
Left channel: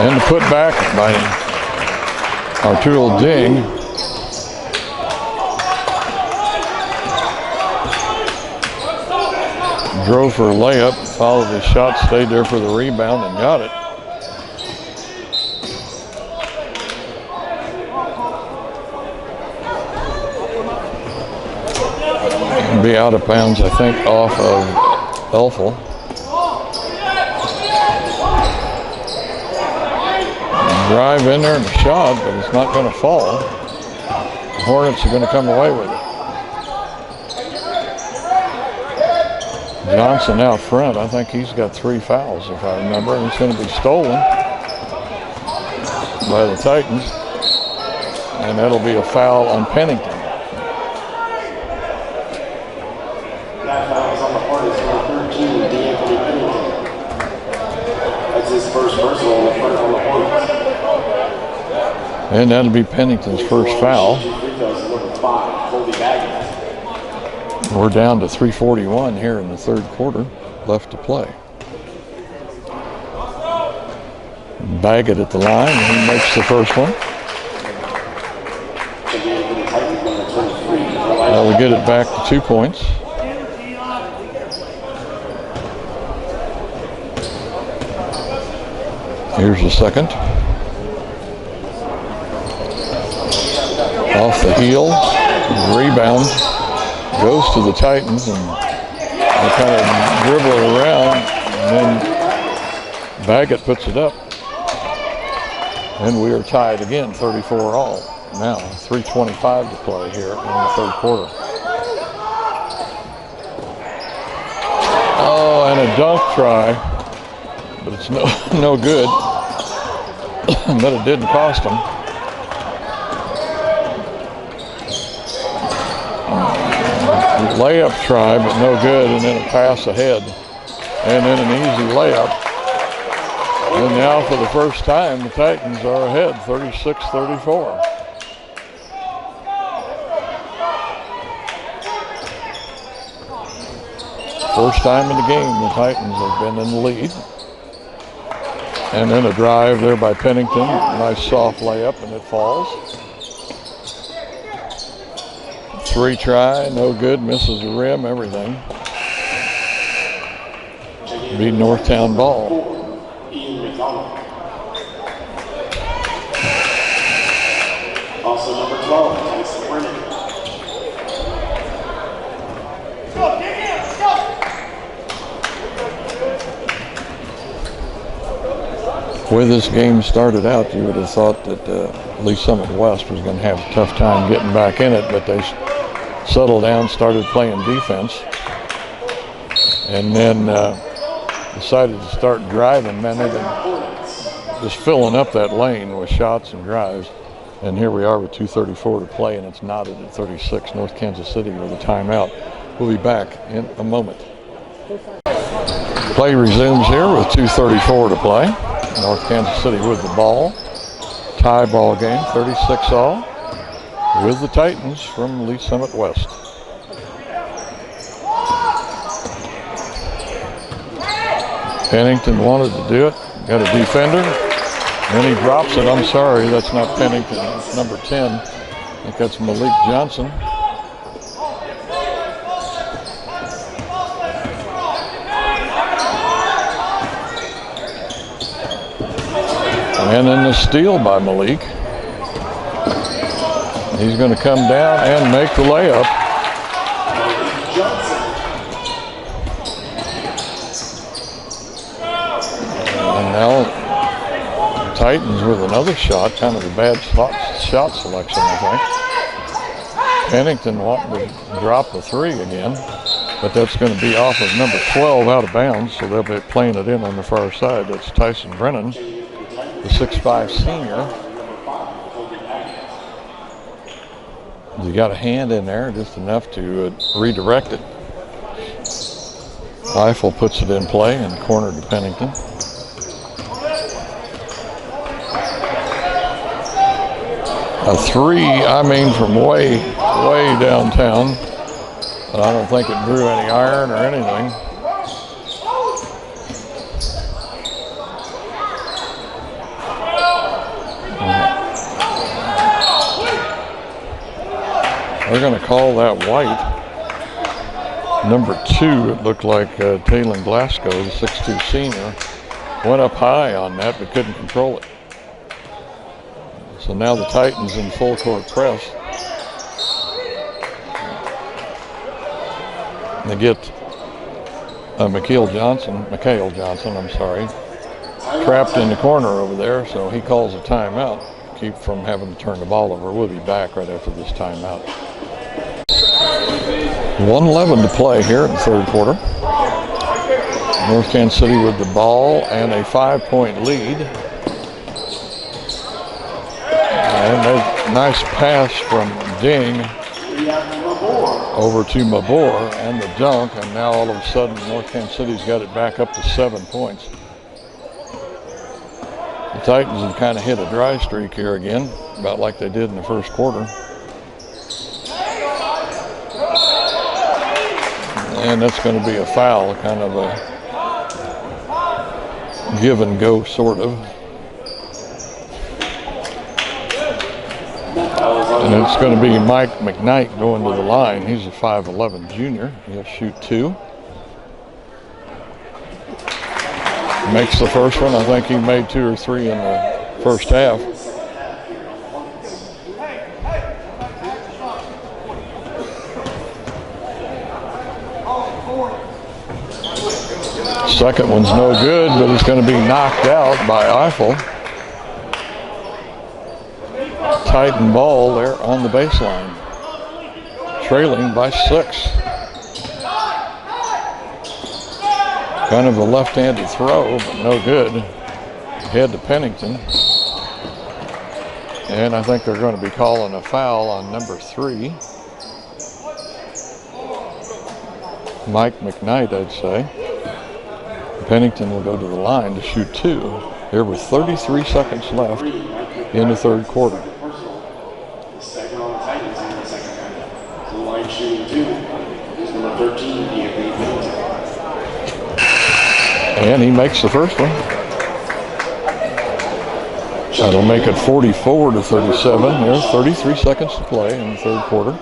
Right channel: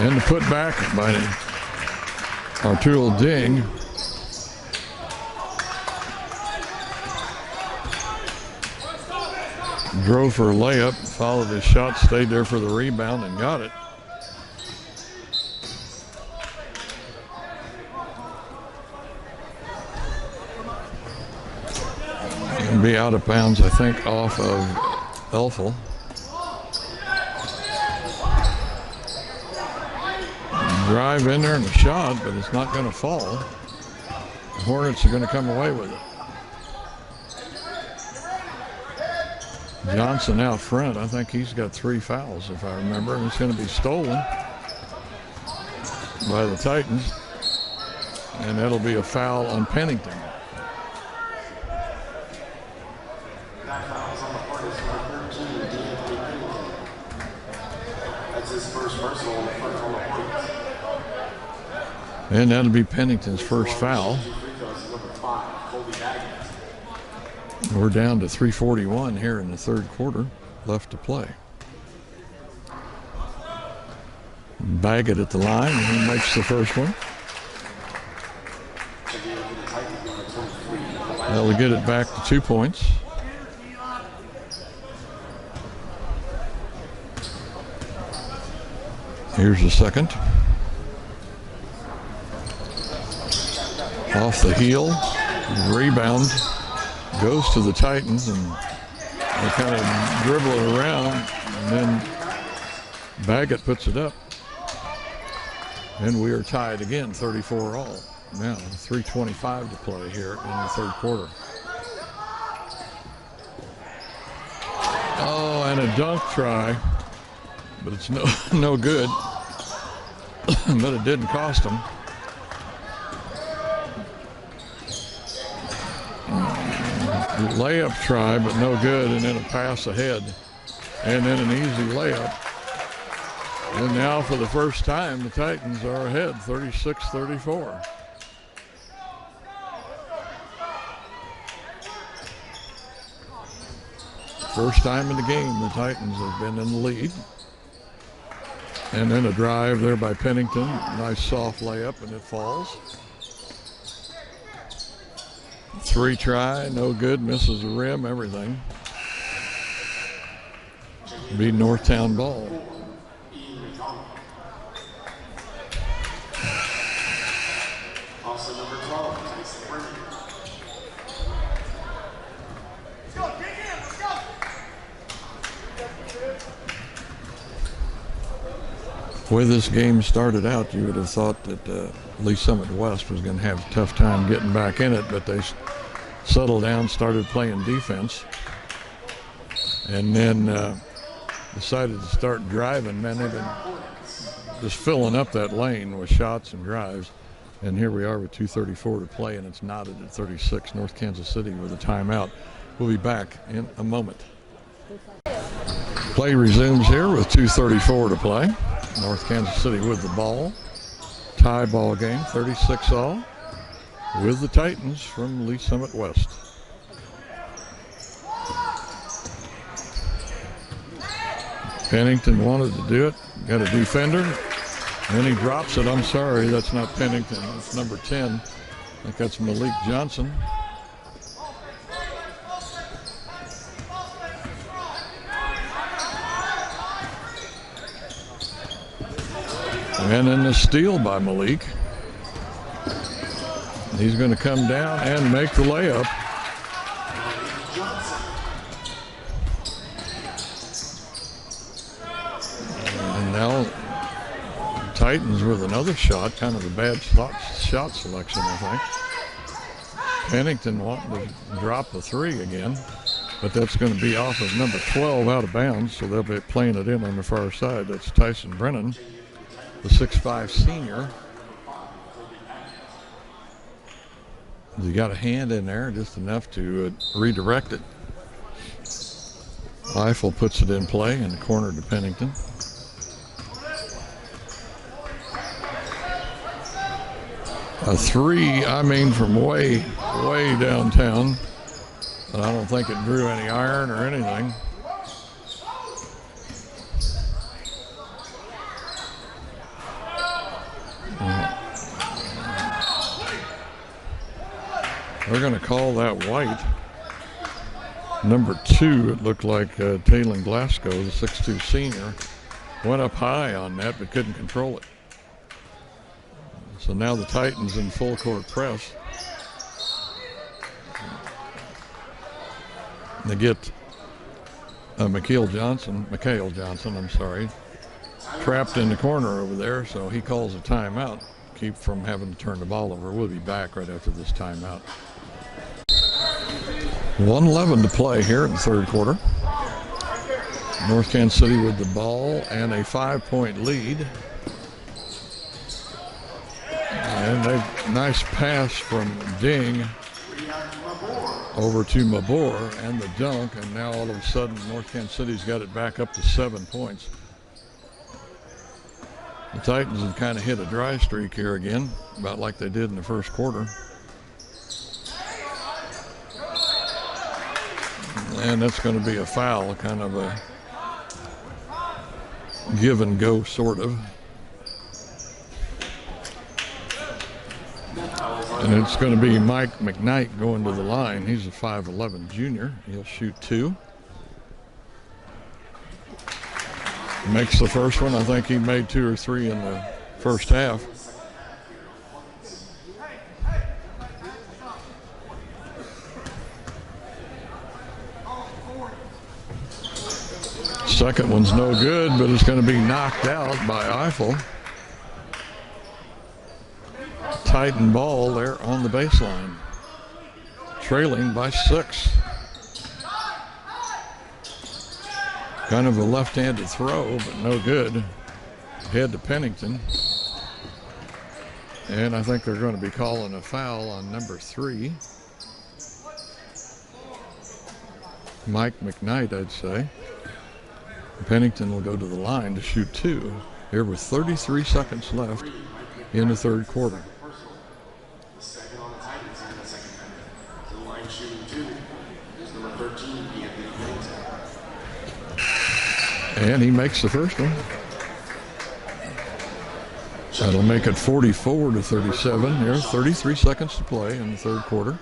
And the putback by Arturo Ding. Drove for a layup, followed his shot, stayed there for the rebound and got it. And be out of bounds, I think, off of Elfel. Drive in there and a shot, but it's not going to fall. The Hornets are going to come away with it. Johnson out front. I think he's got 3 fouls, if I remember, and it's going to be stolen by the Titans. And that'll be a foul on Pennington. And that'll be Pennington's first foul. We're down to 3:41 here in the third quarter, left to play. Baggett at the line, and he makes the first one. Now we get it back to 2 points. Here's the second. Off the heel, rebound, goes to the Titans, and they kind of dribble it around, and then Baggett puts it up. And we are tied again, 34 all. Now, 3:25 to play here in the third quarter. Oh, and a dunk try, but it's no good. But it didn't cost him. Layup try, but no good, and then a pass ahead, and then an easy layup. And now for the first time, the Titans are ahead, 36-34. First time in the game, the Titans have been in the lead. And then a drive there by Pennington, nice soft layup, and it falls. Three try, no good, misses the rim, everything. Be Northtown ball. Also number 12, Tyson Brennan. The way this game started out, you would have thought that Lee Summit West was going to have a tough time getting back in it, but they settled down, started playing defense, and then decided to start driving. Man, they've been just filling up that lane with shots and drives. And here we are with 2:34 to play, and it's knotted at 36. North Kansas City with a timeout. We'll be back in a moment. Play resumes here with 2:34 to play. North Kansas City with the ball. Tie ball game, 36 all, with the Titans from Lee Summit West. Pennington wanted to do it. Got a defender. And he drops it. I'm sorry, that's not Pennington. It's number 10. I think that's Malik Johnson. And then the steal by Malik. He's going to come down and make the layup. And now Titans with another shot, kind of a bad shot selection, I think. Pennington wanting to drop the three again, but that's going to be off of number 12 out of bounds, so they'll be playing it in on the far side. That's Tyson Brennan, the 6'5" senior. He got a hand in there, just enough to redirect it. Eiffel puts it in play in the corner to Pennington. A three, I mean, from way downtown, but I don't think it drew any iron or anything. They're going to call that white. Number 2, it looked like Taylor Glasgow, the 6'2" senior, went up high on that but couldn't control it. So now the Titans in full court press. They get Mikhail Johnson, trapped in the corner over there, so he calls a timeout, keep from having to turn the ball over. We'll be back right after this timeout. 1:11 to play here in the third quarter. North Kansas City with the ball and a 5-point lead. And a nice pass from Ding over to Mabor and the dunk, and now all of a sudden North Kansas City's got it back up to 7 points. The Titans have kind of hit a dry streak here again, about like they did in the first quarter. And that's going to be a foul, kind of a give and go sort of. And it's going to be Mike McKnight going to the line. He's a 5'11 junior. He'll shoot 2. Makes the first one. I think he made 2 or 3 in the first half. Second one's no good, but it's going to be knocked out by Eiffel. Titan ball there on the baseline, trailing by 6. Kind of a left-handed throw, but no good. Head to Pennington. And I think they're going to be calling a foul on number 3. Mike McKnight, I'd say. Pennington will go to the line to shoot 2 here with 33 seconds left in the third quarter. Second on the Titans in the second half. The line shooting 2 is number 13, Anthony Pennington. And he makes the first one. That'll make it 44-37 here. 33 seconds to play in the third quarter.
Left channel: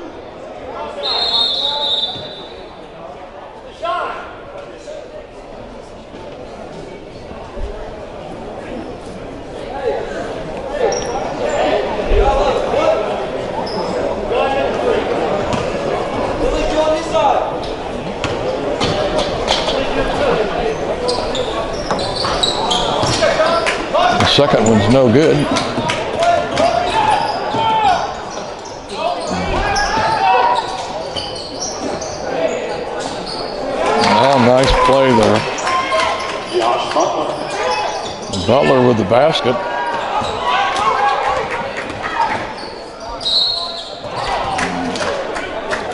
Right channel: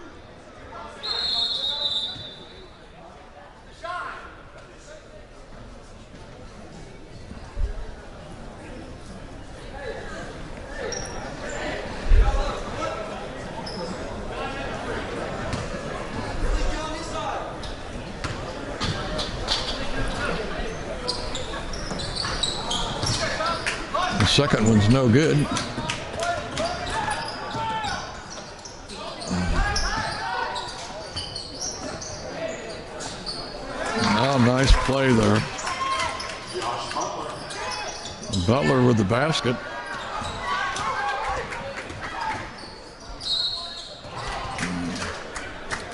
Second one's no good. Oh, nice play there. Butler with the basket.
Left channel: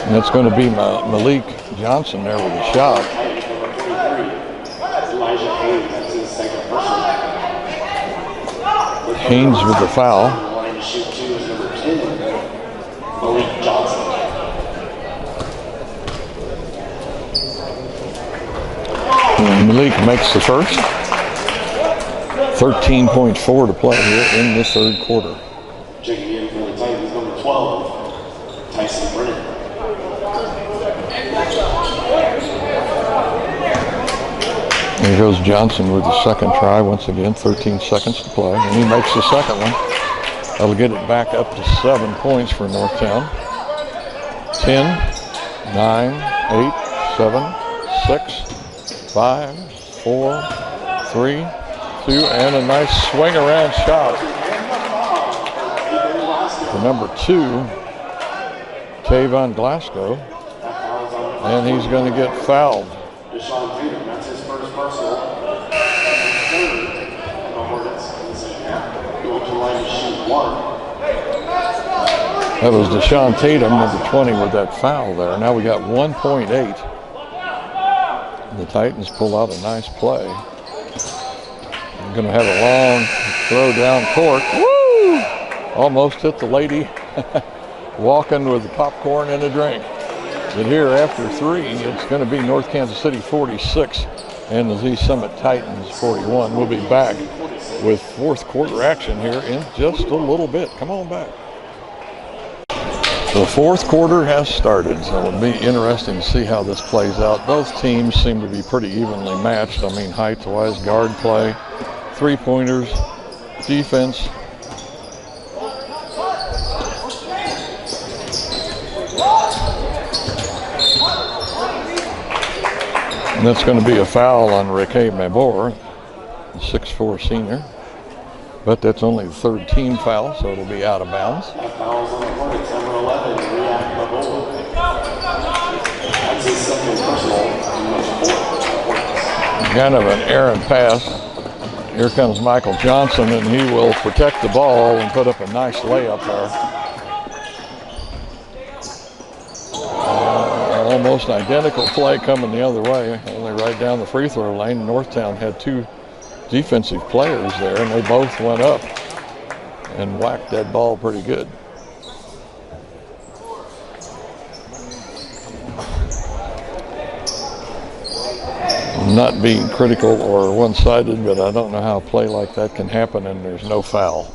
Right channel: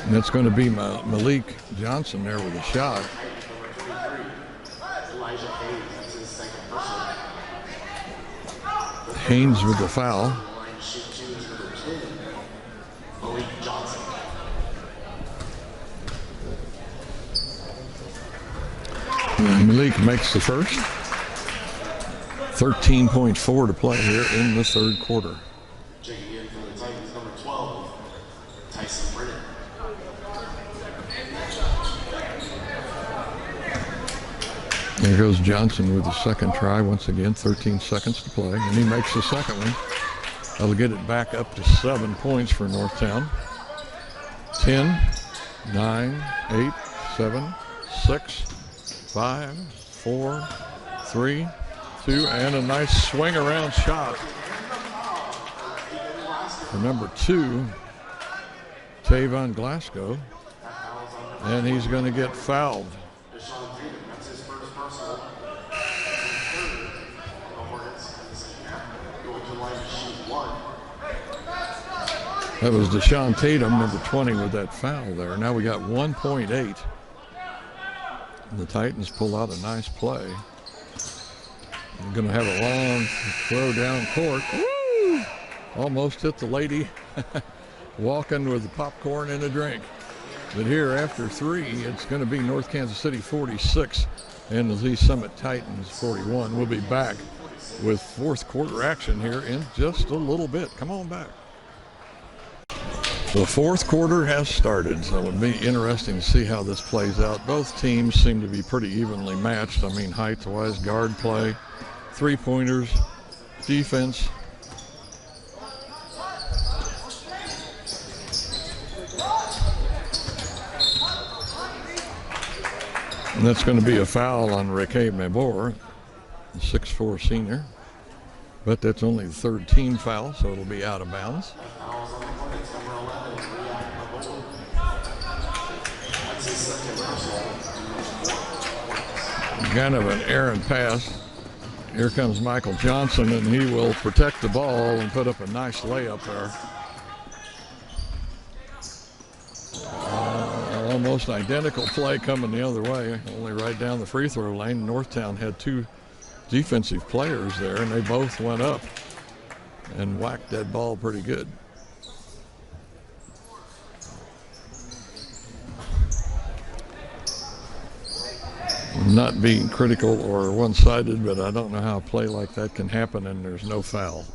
And it's going to be Malik Johnson there with a shot. Haynes with the foul. And Malik makes the first. 13.4 to play here in the third quarter. Checking in for the Titans, number 12, Tyson Brennan. Here goes Johnson with the second try. Once again, 13 seconds to play. And he makes the second one. That'll get it back up to 7 points for Northtown. 10, 9, 8, 7, 6, 5, 4, 3, 2, and a nice swing around shot for number 2, Tavon Glasgow. And he's going to get fouled. That was Deshaun Tatum, number 20, with that foul there. Now we got 1.8. The Titans pull out a nice play. They're going to have a long throw down court. Woo! Almost hit the lady walking with the popcorn and a drink. But here after 3, it's going to be North Kansas City 46 and the Lee Summit Titans 41. We'll be back with fourth quarter action here in just a little bit. Come on back. The fourth quarter has started, so it'll be interesting to see how this plays out. Both teams seem to be pretty evenly matched. I mean, height-wise, guard play, three-pointers, defense. And that's going to be a foul on Riquet Mabor, the 6'4" senior. But that's only the third team foul, so it'll be out of bounds. Kind of an errant pass. Here comes Michael Johnson, and he will protect the ball and put up a nice layup there. Almost identical play coming the other way, only right down the free throw lane. Northtown had two defensive players there, and they both went up and whacked that ball pretty good. I'm not being critical or one-sided, but I don't know how a play like that can happen and there's no foul.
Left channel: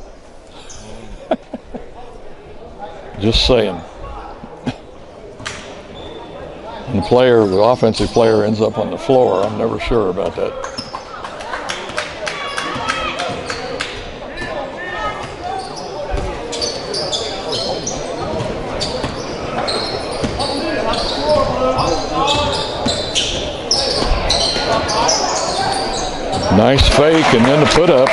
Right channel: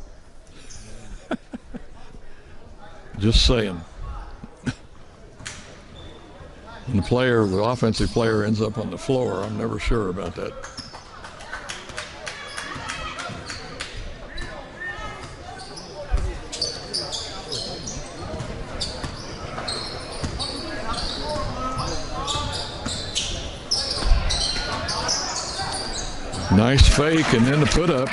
Just saying. When the offensive player ends up on the floor, I'm never sure about that. Nice fake and then the put up.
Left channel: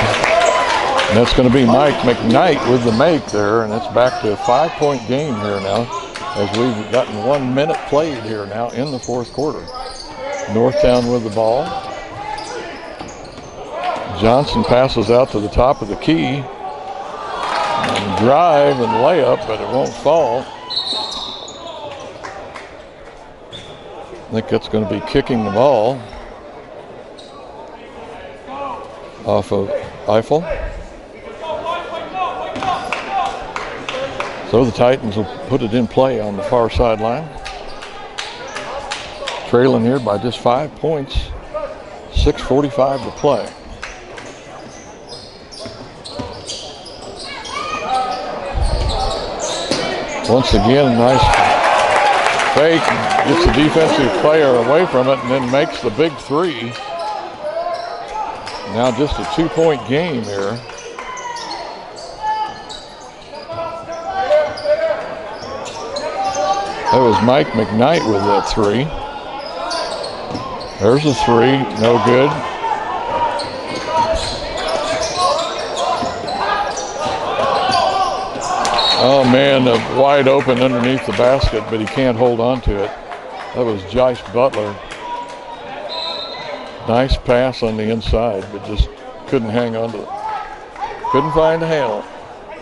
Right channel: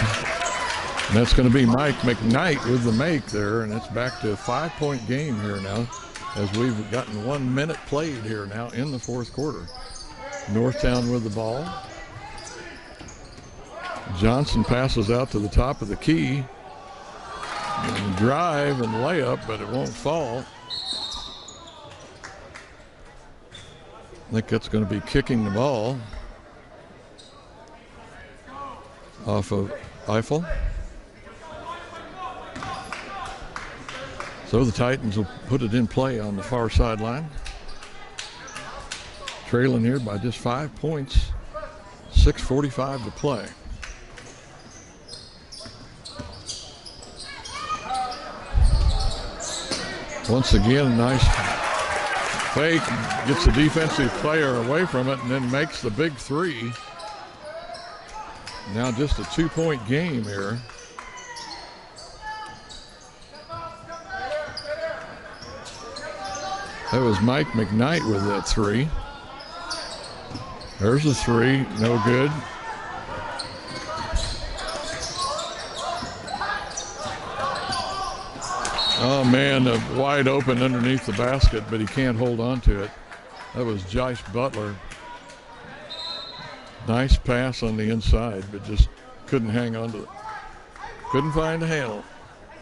And that's going to be Mike McKnight with the make there, and it's back to a 5-point game here now as we've gotten 1 minute played here now in the fourth quarter. Northtown with the ball. Johnson passes out to the top of the key. And drive and layup, but it won't fall. I think that's going to be kicking the ball off of Eiffel. So the Titans will put it in play on the far sideline. Trailing here by just 5 points. 6:45 to play. Once again, a nice fake. Gets the defensive player away from it and then makes the big three. Now just a 2-point game here. That was Mike McKnight with that three. There's a three, no good. Oh man, wide open underneath the basket, but he can't hold on to it. That was Jice Butler. Nice pass on the inside, but just couldn't hang on to it. Couldn't find a handle.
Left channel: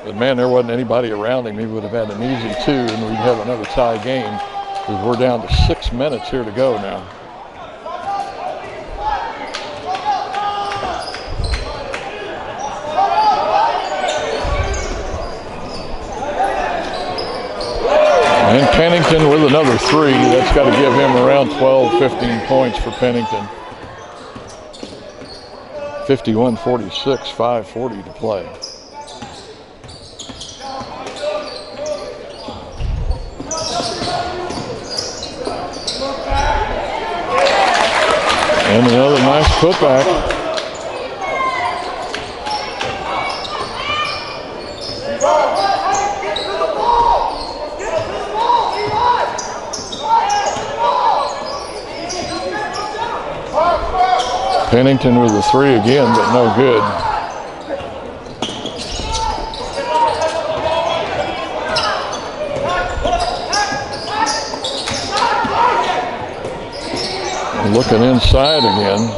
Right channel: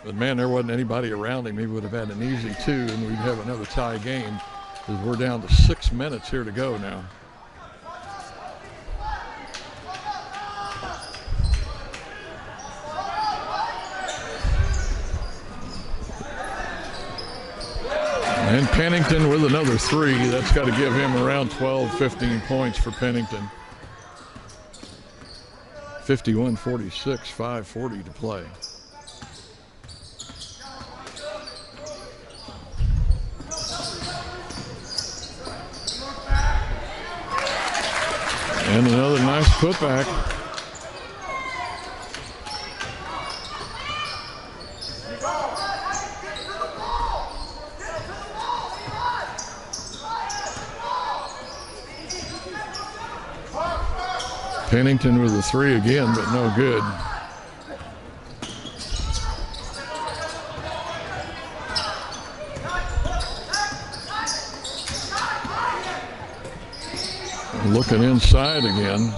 But man, there wasn't anybody around him. He would have had an easy 2 and we'd have another tie game because we're down to 6 minutes here to go now. And Pennington with another three. That's got to give him around 12, 15 points for Pennington. 51-46, 5:40 to play. And another nice putback. Pennington with the three again, but no good. Looking inside again.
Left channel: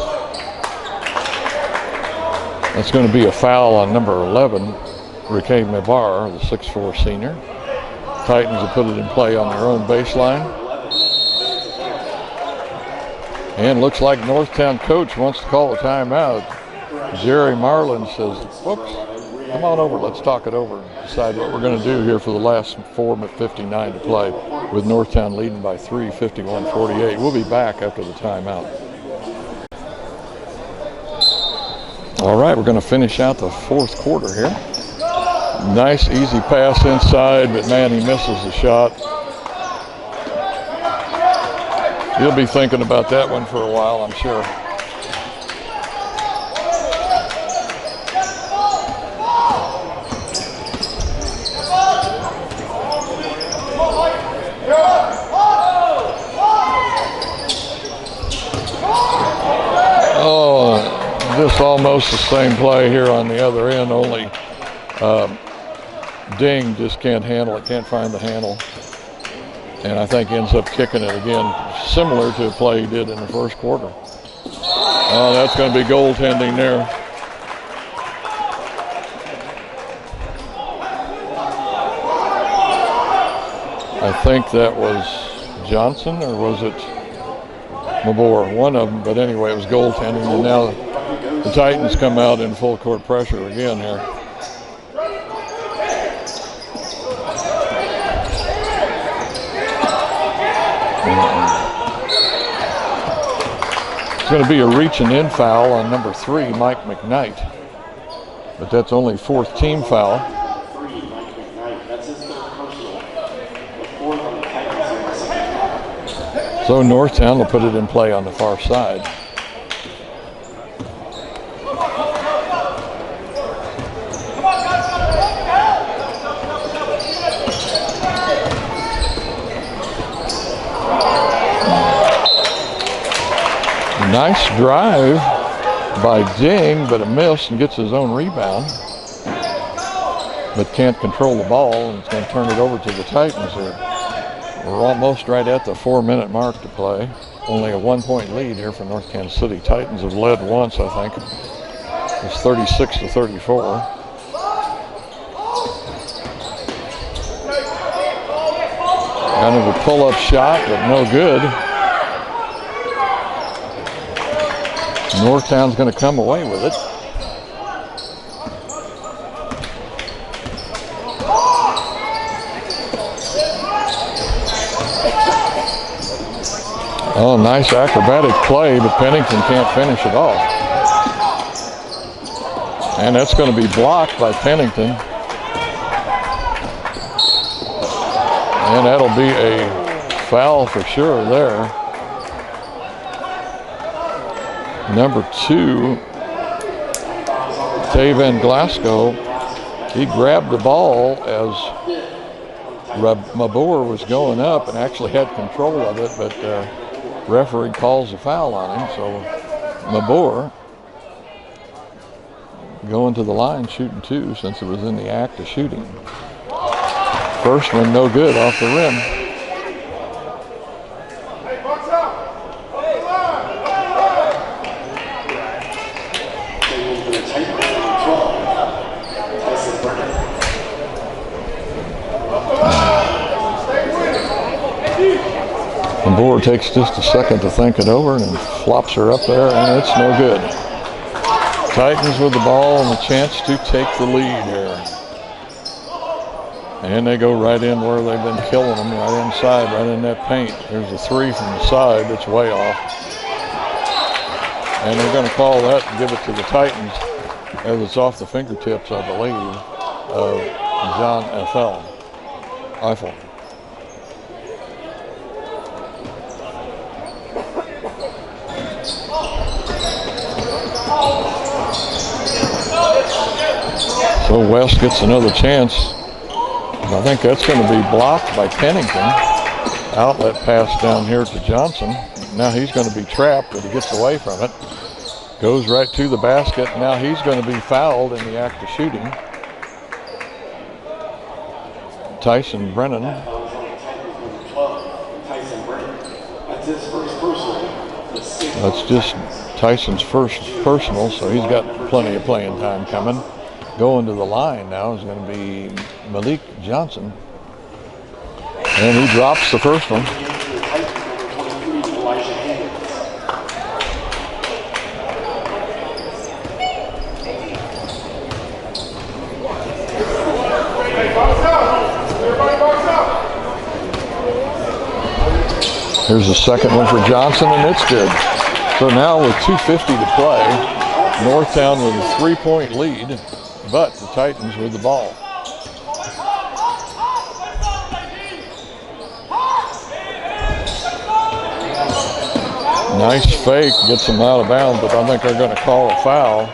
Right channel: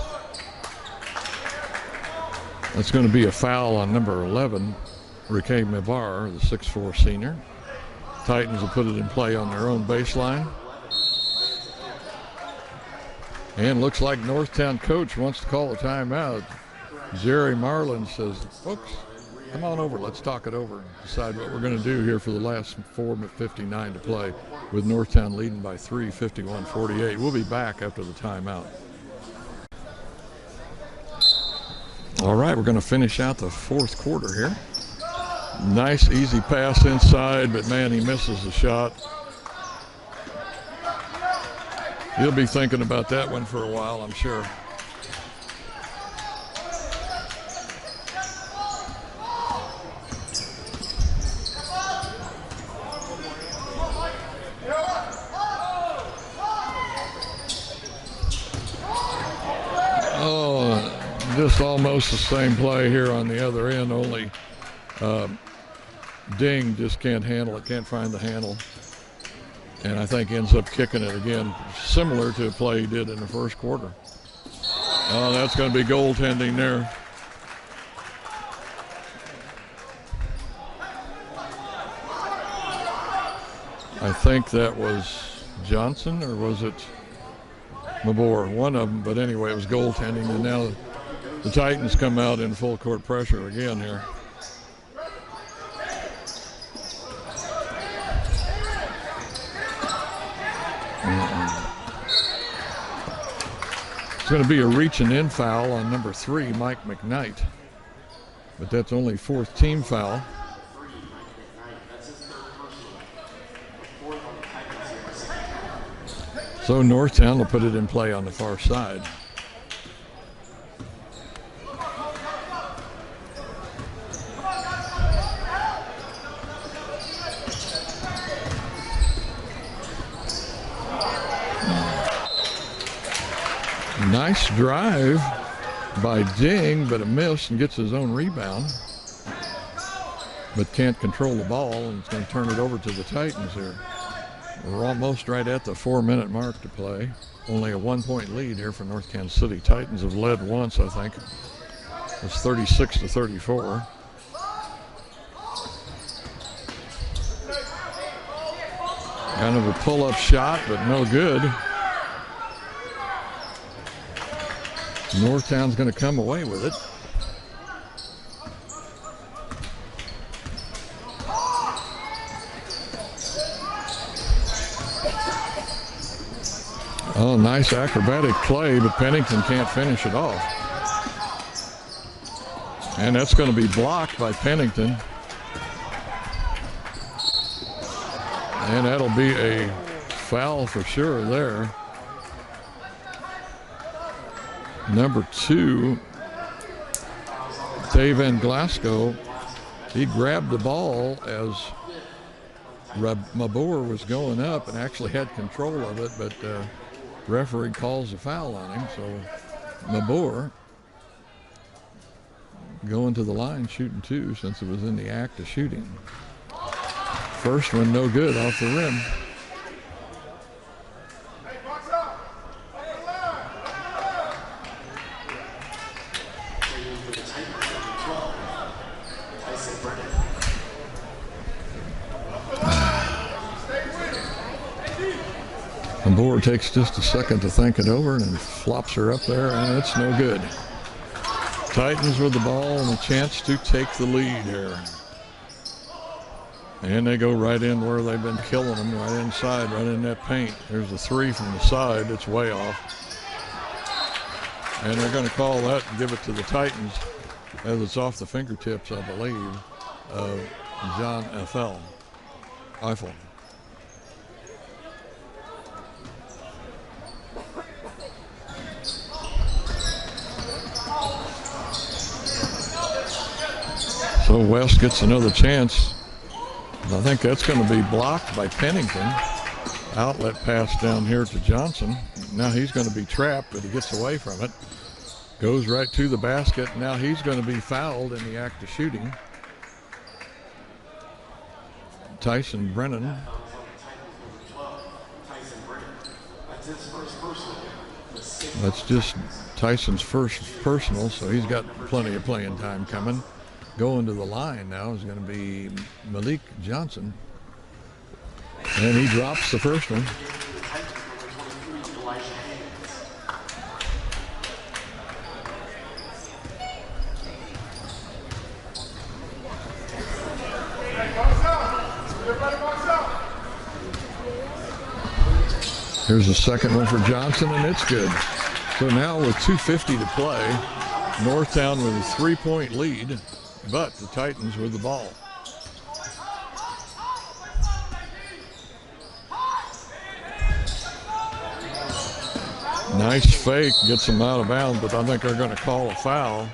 That's going to be a foul on number 11, Riquet Mabar, the 6'4" senior. Titans will put it in play on their own baseline. And looks like Northtown coach wants to call a timeout. Jerry Marlin says, folks, come on over, let's talk it over and decide what we're going to do here for the last 4:59 to play, with Northtown leading by 3, 51-48. We'll be back after the timeout. All right, we're going to finish out the fourth quarter here. Nice easy pass inside, but man, he misses the shot. He'll be thinking about that one for a while, I'm sure. Just almost the same play here on the other end, only Ding just can't handle it, can't find the handle. And I think ends up kicking it again, similar to a play he did in the first quarter. Oh, that's going to be goaltending there. I think that was Johnson, or was it Mabor? One of them, but anyway, it was goaltending. And now The Titans come out in full court pressure again here. It's going to be a reaching in foul on number 3, Mike McKnight. But that's only 4th team foul. So Northtown will put it in play on the far side. Nice drive by Ding, but a miss, and gets his own rebound. But can't control the ball, and it's going to turn it over to the Titans here. We're almost right at the 4-minute mark to play. Only a 1-point lead here for North Kansas City. Titans have led once, I think. It's 36-34. Kind of a pull-up shot, but no good. Northtown's going to come away with it. Oh, nice acrobatic play, but Pennington can't finish it off. And that's going to be blocked by Pennington. And that'll be a foul for sure there. Number 2, Taven Glasgow, he grabbed the ball as Mabor was going up and actually had control of it, but referee calls a foul on him. So Mabor going to the line shooting 2 since it was in the act of shooting. First one no good off the rim. Mabor takes just a second to think it over and then flops her up there, and it's no good. Titans with the ball and the chance to take the lead here. And they go right in where they've been killing them, right inside, right in that paint. There's a 3 from the side that's way off. And they're going to call that and give it to the Titans as it's off the fingertips, I believe, of John Eiffel. So West gets another chance. I think that's going to be blocked by Pennington. Outlet pass down here to Johnson. Now he's going to be trapped, but he gets away from it. Goes right to the basket. Now he's going to be fouled in the act of shooting. Tyson Brennan. That's just Tyson's first personal, so he's got plenty of playing time coming. Going to the line now is going to be Malik Johnson. And he drops the first one. Here's the second one for Johnson, and it's good. So now with 2:50 to play, Northtown with a 3-point lead, but the Titans with the ball. Nice fake, gets them out of bounds, but I think they're going to call a foul.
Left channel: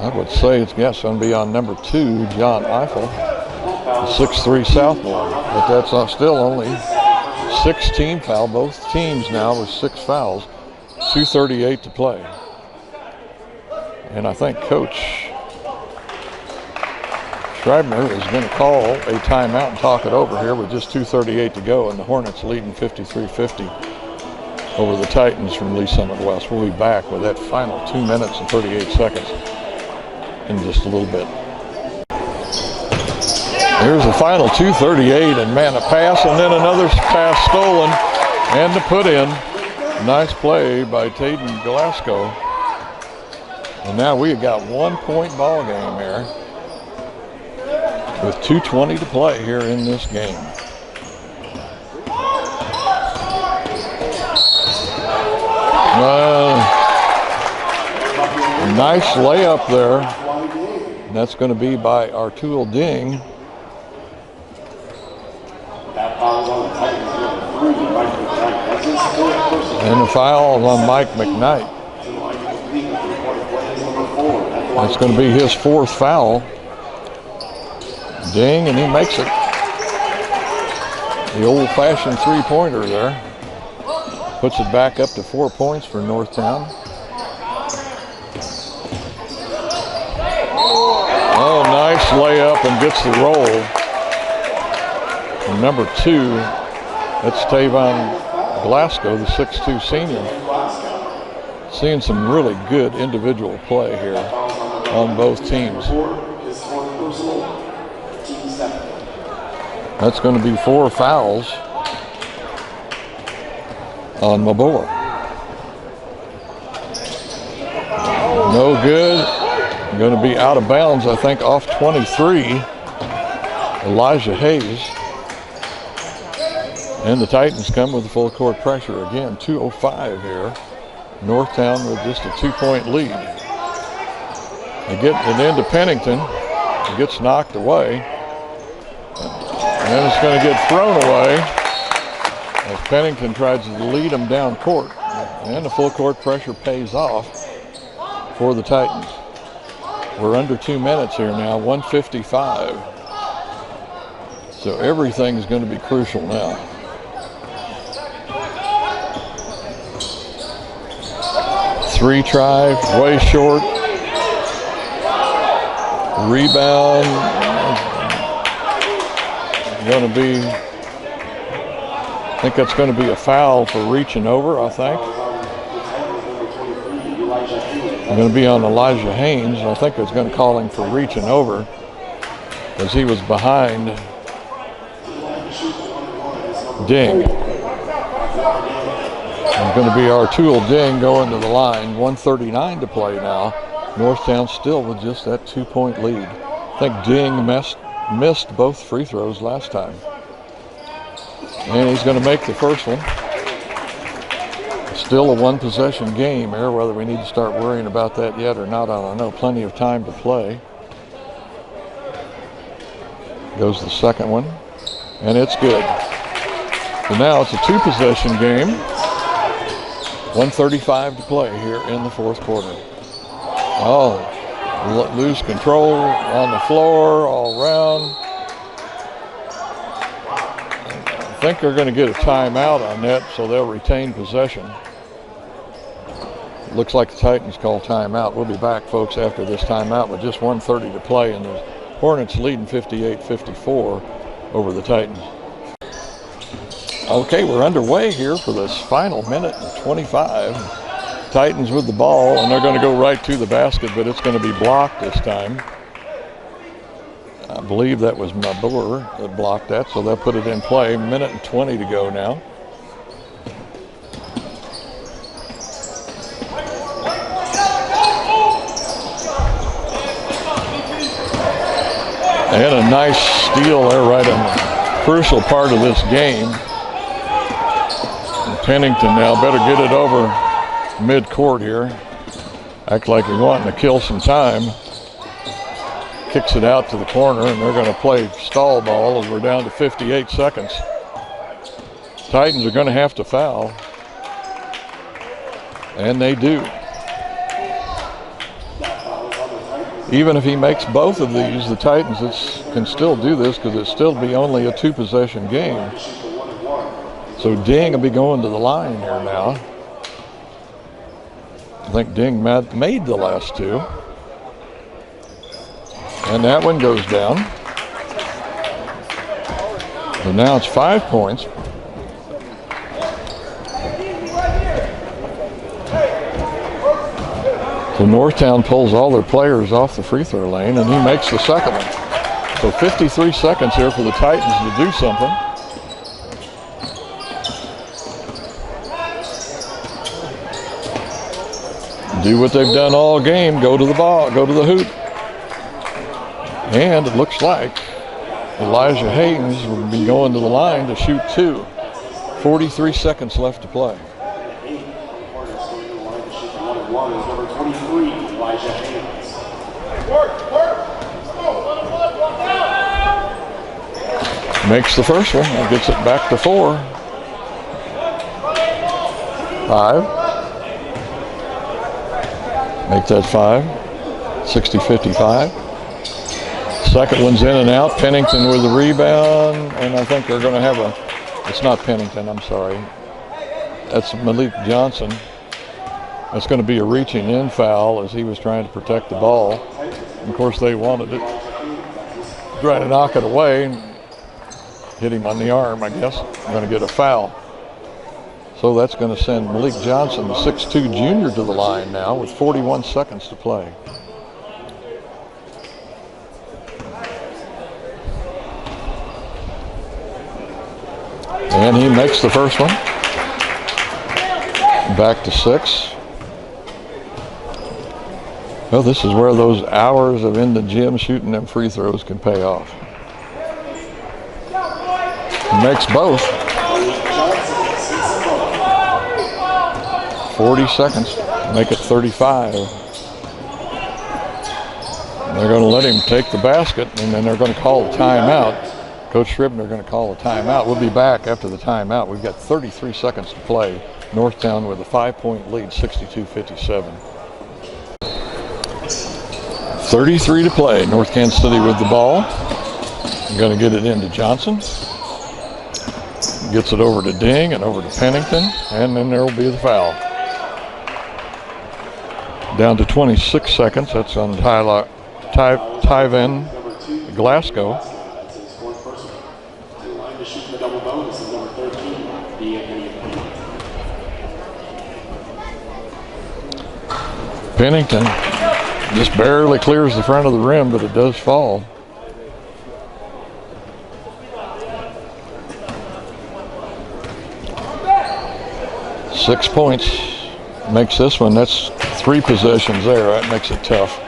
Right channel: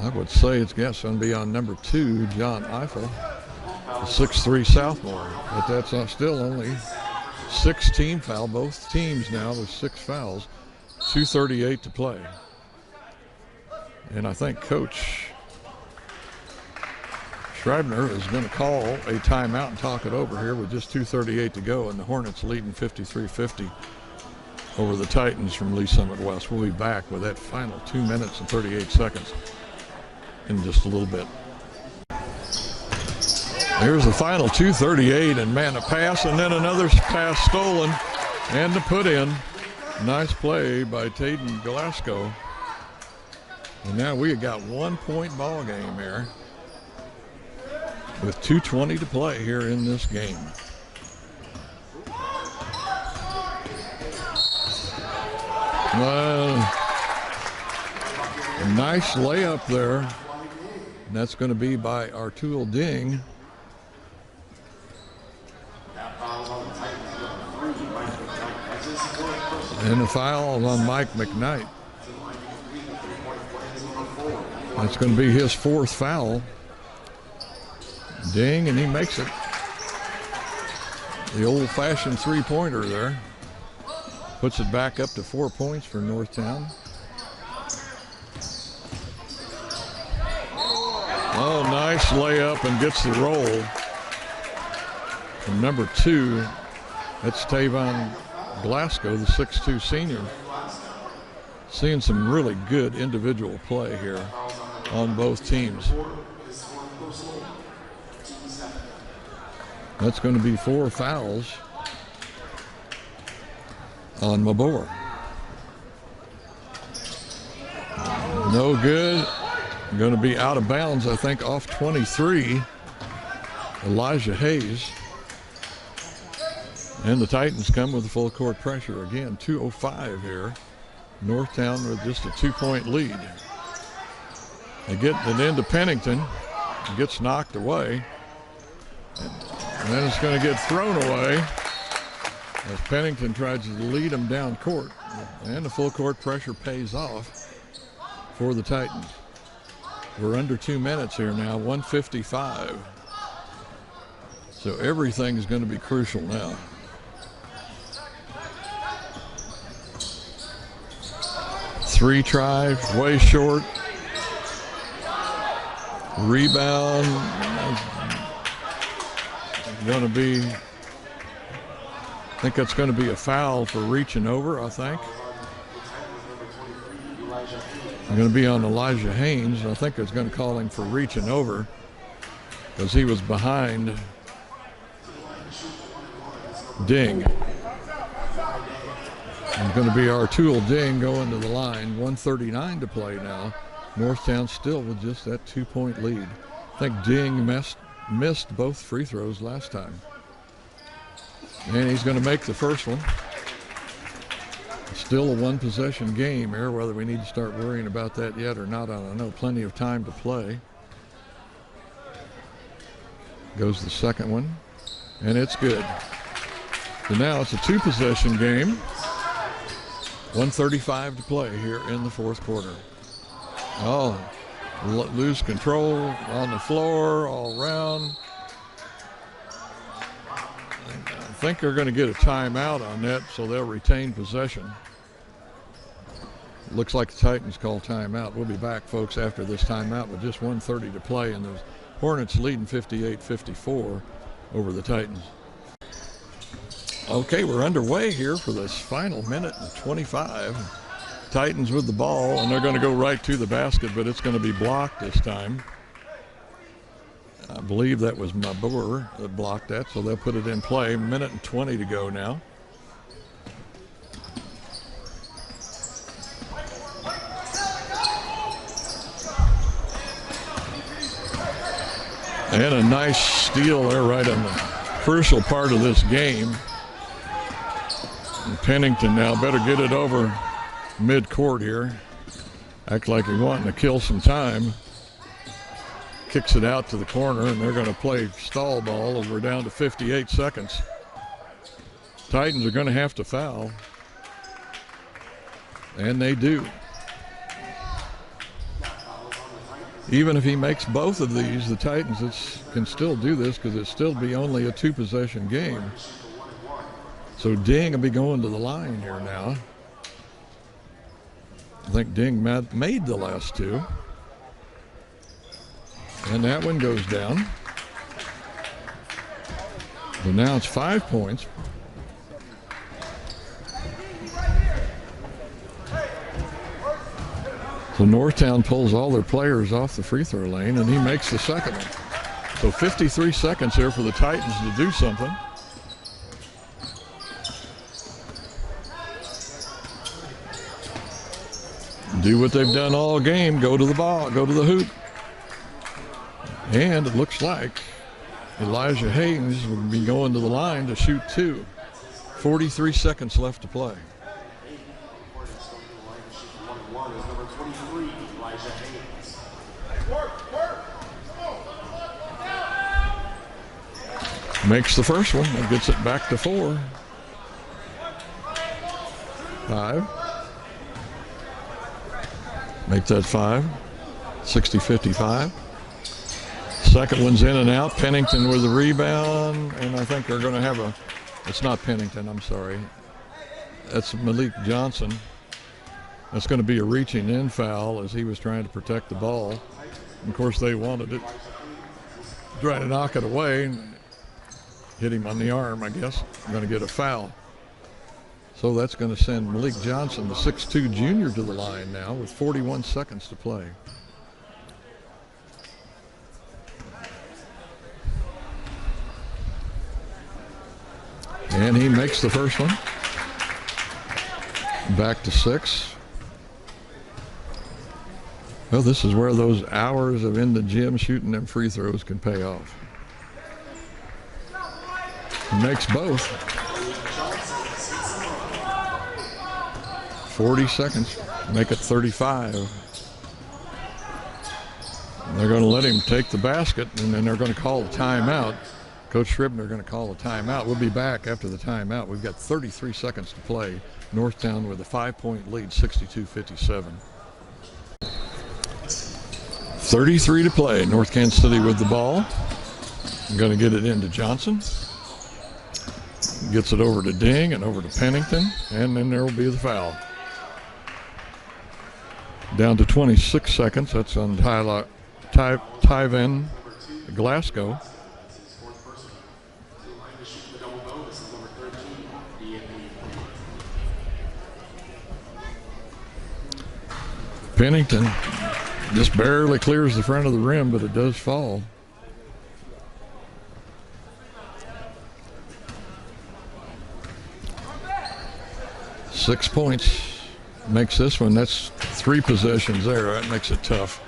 I would say it's going to be on number 2, John Eiffel, the 6'3" sophomore, but that's still only 6-team foul. Both teams now with 6 fouls, 2:38 to play. And I think Coach Schreibner is going to call a timeout and talk it over here with just 2:38 to go, and the Hornets leading 53-50 over the Titans from Lee Summit West. We'll be back with that final 2 minutes and 38 seconds in just a little bit. Here's the final 2:38, and man, a pass and then another pass stolen and to put in. Nice play by Taden Glasgow. And now we have got 1 point ball game here with 2:20 to play here in this game. Nice layup there. And that's going to be by Artul Ding. And the foul on Mike McKnight. That's going to be his 4th foul. Ding, and he makes it. The old-fashioned three-pointer there. Puts it back up to 4 points for Northtown. Oh, nice layup and gets the roll. From number 2, that's Tavon Glasgow, the 6'2 senior. Seeing some really good individual play here on both teams. That's going to be 4 fouls on Mabor. No good. Going to be out of bounds, I think, off 23. Elijah Hayes. And the Titans come with the full court pressure again. 2:05 here. Northtown with just a 2-point lead. They get it into Pennington. It gets knocked away. And then it's going to get thrown away as Pennington tries to lead them down court. And the full court pressure pays off for the Titans. We're under 2 minutes here now, 1:55. So everything is going to be crucial now. Three try, way short. Rebound. Going to be, I think that's going to be a foul for reaching over, I think. Going to be on Elijah Haynes. I think it's going to call him for reaching over because he was behind Ding. It's going to be Artul Ding going to the line. 1:39 to play now. Northtown still with just that 2-point lead. I think Ding missed both free throws last time. And he's going to make the first one. Still a 1-possession game here, whether we need to start worrying about that yet or not, I don't know. Plenty of time to play. Goes the second one, and it's good. So now it's a 2-possession game. 1:35 to play here in the 4th quarter. Oh, lose control on the floor all around. I think they're going to get a timeout on that, so they'll retain possession. Looks like the Titans call timeout. We'll be back, folks, after this timeout with just 1:30 to play, and the Hornets leading 58-54 over the Titans. Okay, we're underway here for this final minute and 25. Titans with the ball, and they're going to go right to the basket, but it's going to be blocked this time. I believe that was Mabur that blocked that, so they'll put it in play. Minute and 20 to go now. And a nice steal there right on the crucial part of this game. And Pennington now better get it over mid-court here. Act like he's wanting to kill some time. Kicks it out to the corner, and they're going to play stall ball as we're down to 58 seconds. Titans are going to have to foul. And they do. Even if he makes both of these, the Titans can still do this because it'll still be only a 2-possession game. So Ding will be going to the line here now. I think Ding made the last 2. And that one goes down. So now it's 5 points. So Northtown pulls all their players off the free throw lane, and he makes the second one. So 53 seconds here for the Titans to do something. do what they've done all game, go to the ball, go to the hoop. And it looks like Elijah Haynes will be going to the line to shoot two. 43 seconds left to play. Makes the first one and gets it back to 4. 5. Make that 5. 60-55. Second one's in and out. Pennington with the rebound, and I think they're going to have it's not Pennington, I'm sorry. That's Malik Johnson. That's going to be a reaching in foul as he was trying to protect the ball. And of course, they wanted it. Trying to knock it away. Hit him on the arm, I guess. I'm going to get a foul. So that's going to send Malik Johnson, the 6'2 junior, to the line now with 41 seconds to play. And he makes the first one. Back to 6. Well, this is where those hours of in the gym shooting them free throws can pay off. Makes both. 40 seconds. Make it 35. They're going to let him take the basket, and then they're going to call a timeout. Coach Scribner going to call a timeout. We'll be back after the timeout. We've got 33 seconds to play. Northtown with a 5-point lead, 62-57. 33 to play. North Kansas City with the ball. I'm going to get it into Johnson. Gets it over to Ding and over to Pennington, and then there will be the foul. Down to 26 seconds. That's on Tyven Glasgow. Pennington just barely clears the front of the rim, but it does fall. Six points makes this one. That's 3 possessions there. That makes it tough.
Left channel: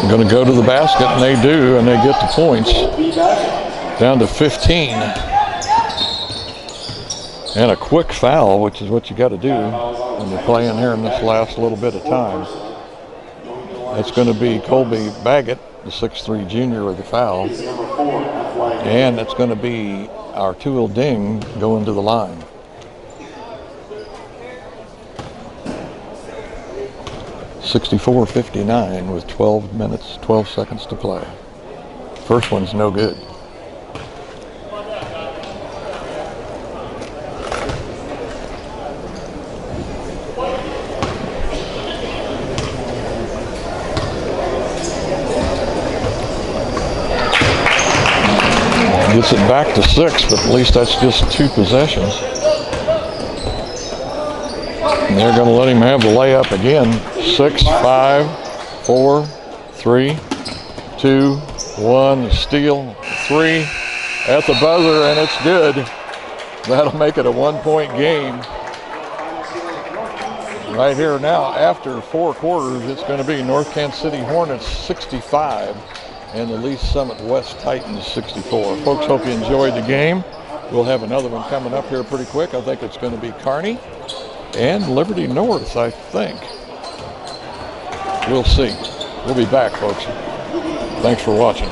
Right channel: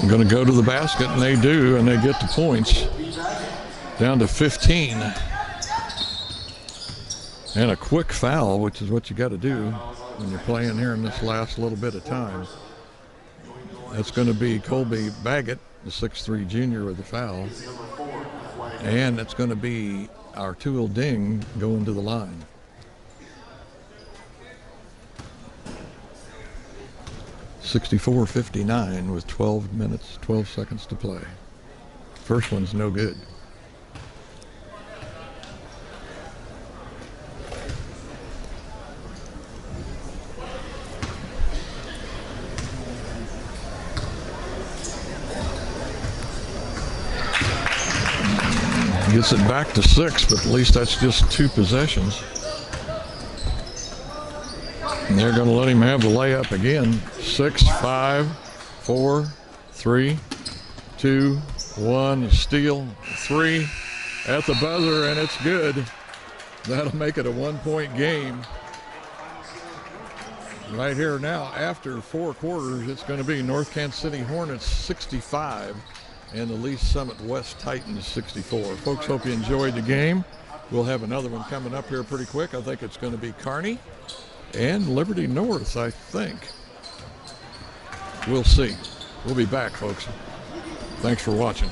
I'm going to go to the basket, and they do, and they get the points. Down to 15. And a quick foul, which is what you got to do when you're playing here in this last little bit of time. That's going to be Colby Baggett, the 6'3 junior, with the foul. And it's going to be Artuel Ding going to the line. (64-59) with 12 minutes, 12 seconds to play. First one's no good. Gets it back to 6, but at least that's just 2 possessions. And they're going to let him have the layup again. 6, 5, 4, 3, 2, 1. Steal, 3 at the buzzer, and it's good. That'll make it a 1-point game. Right here now, after 4 quarters, it's going to be North Kansas City Hornets 65 and the Lee's Summit West Titans 64. Folks, hope you enjoyed the game. We'll have another one coming up here pretty quick. I think it's going to be Kearney and Liberty North, I think. We'll see. We'll be back, folks. Thanks for watching.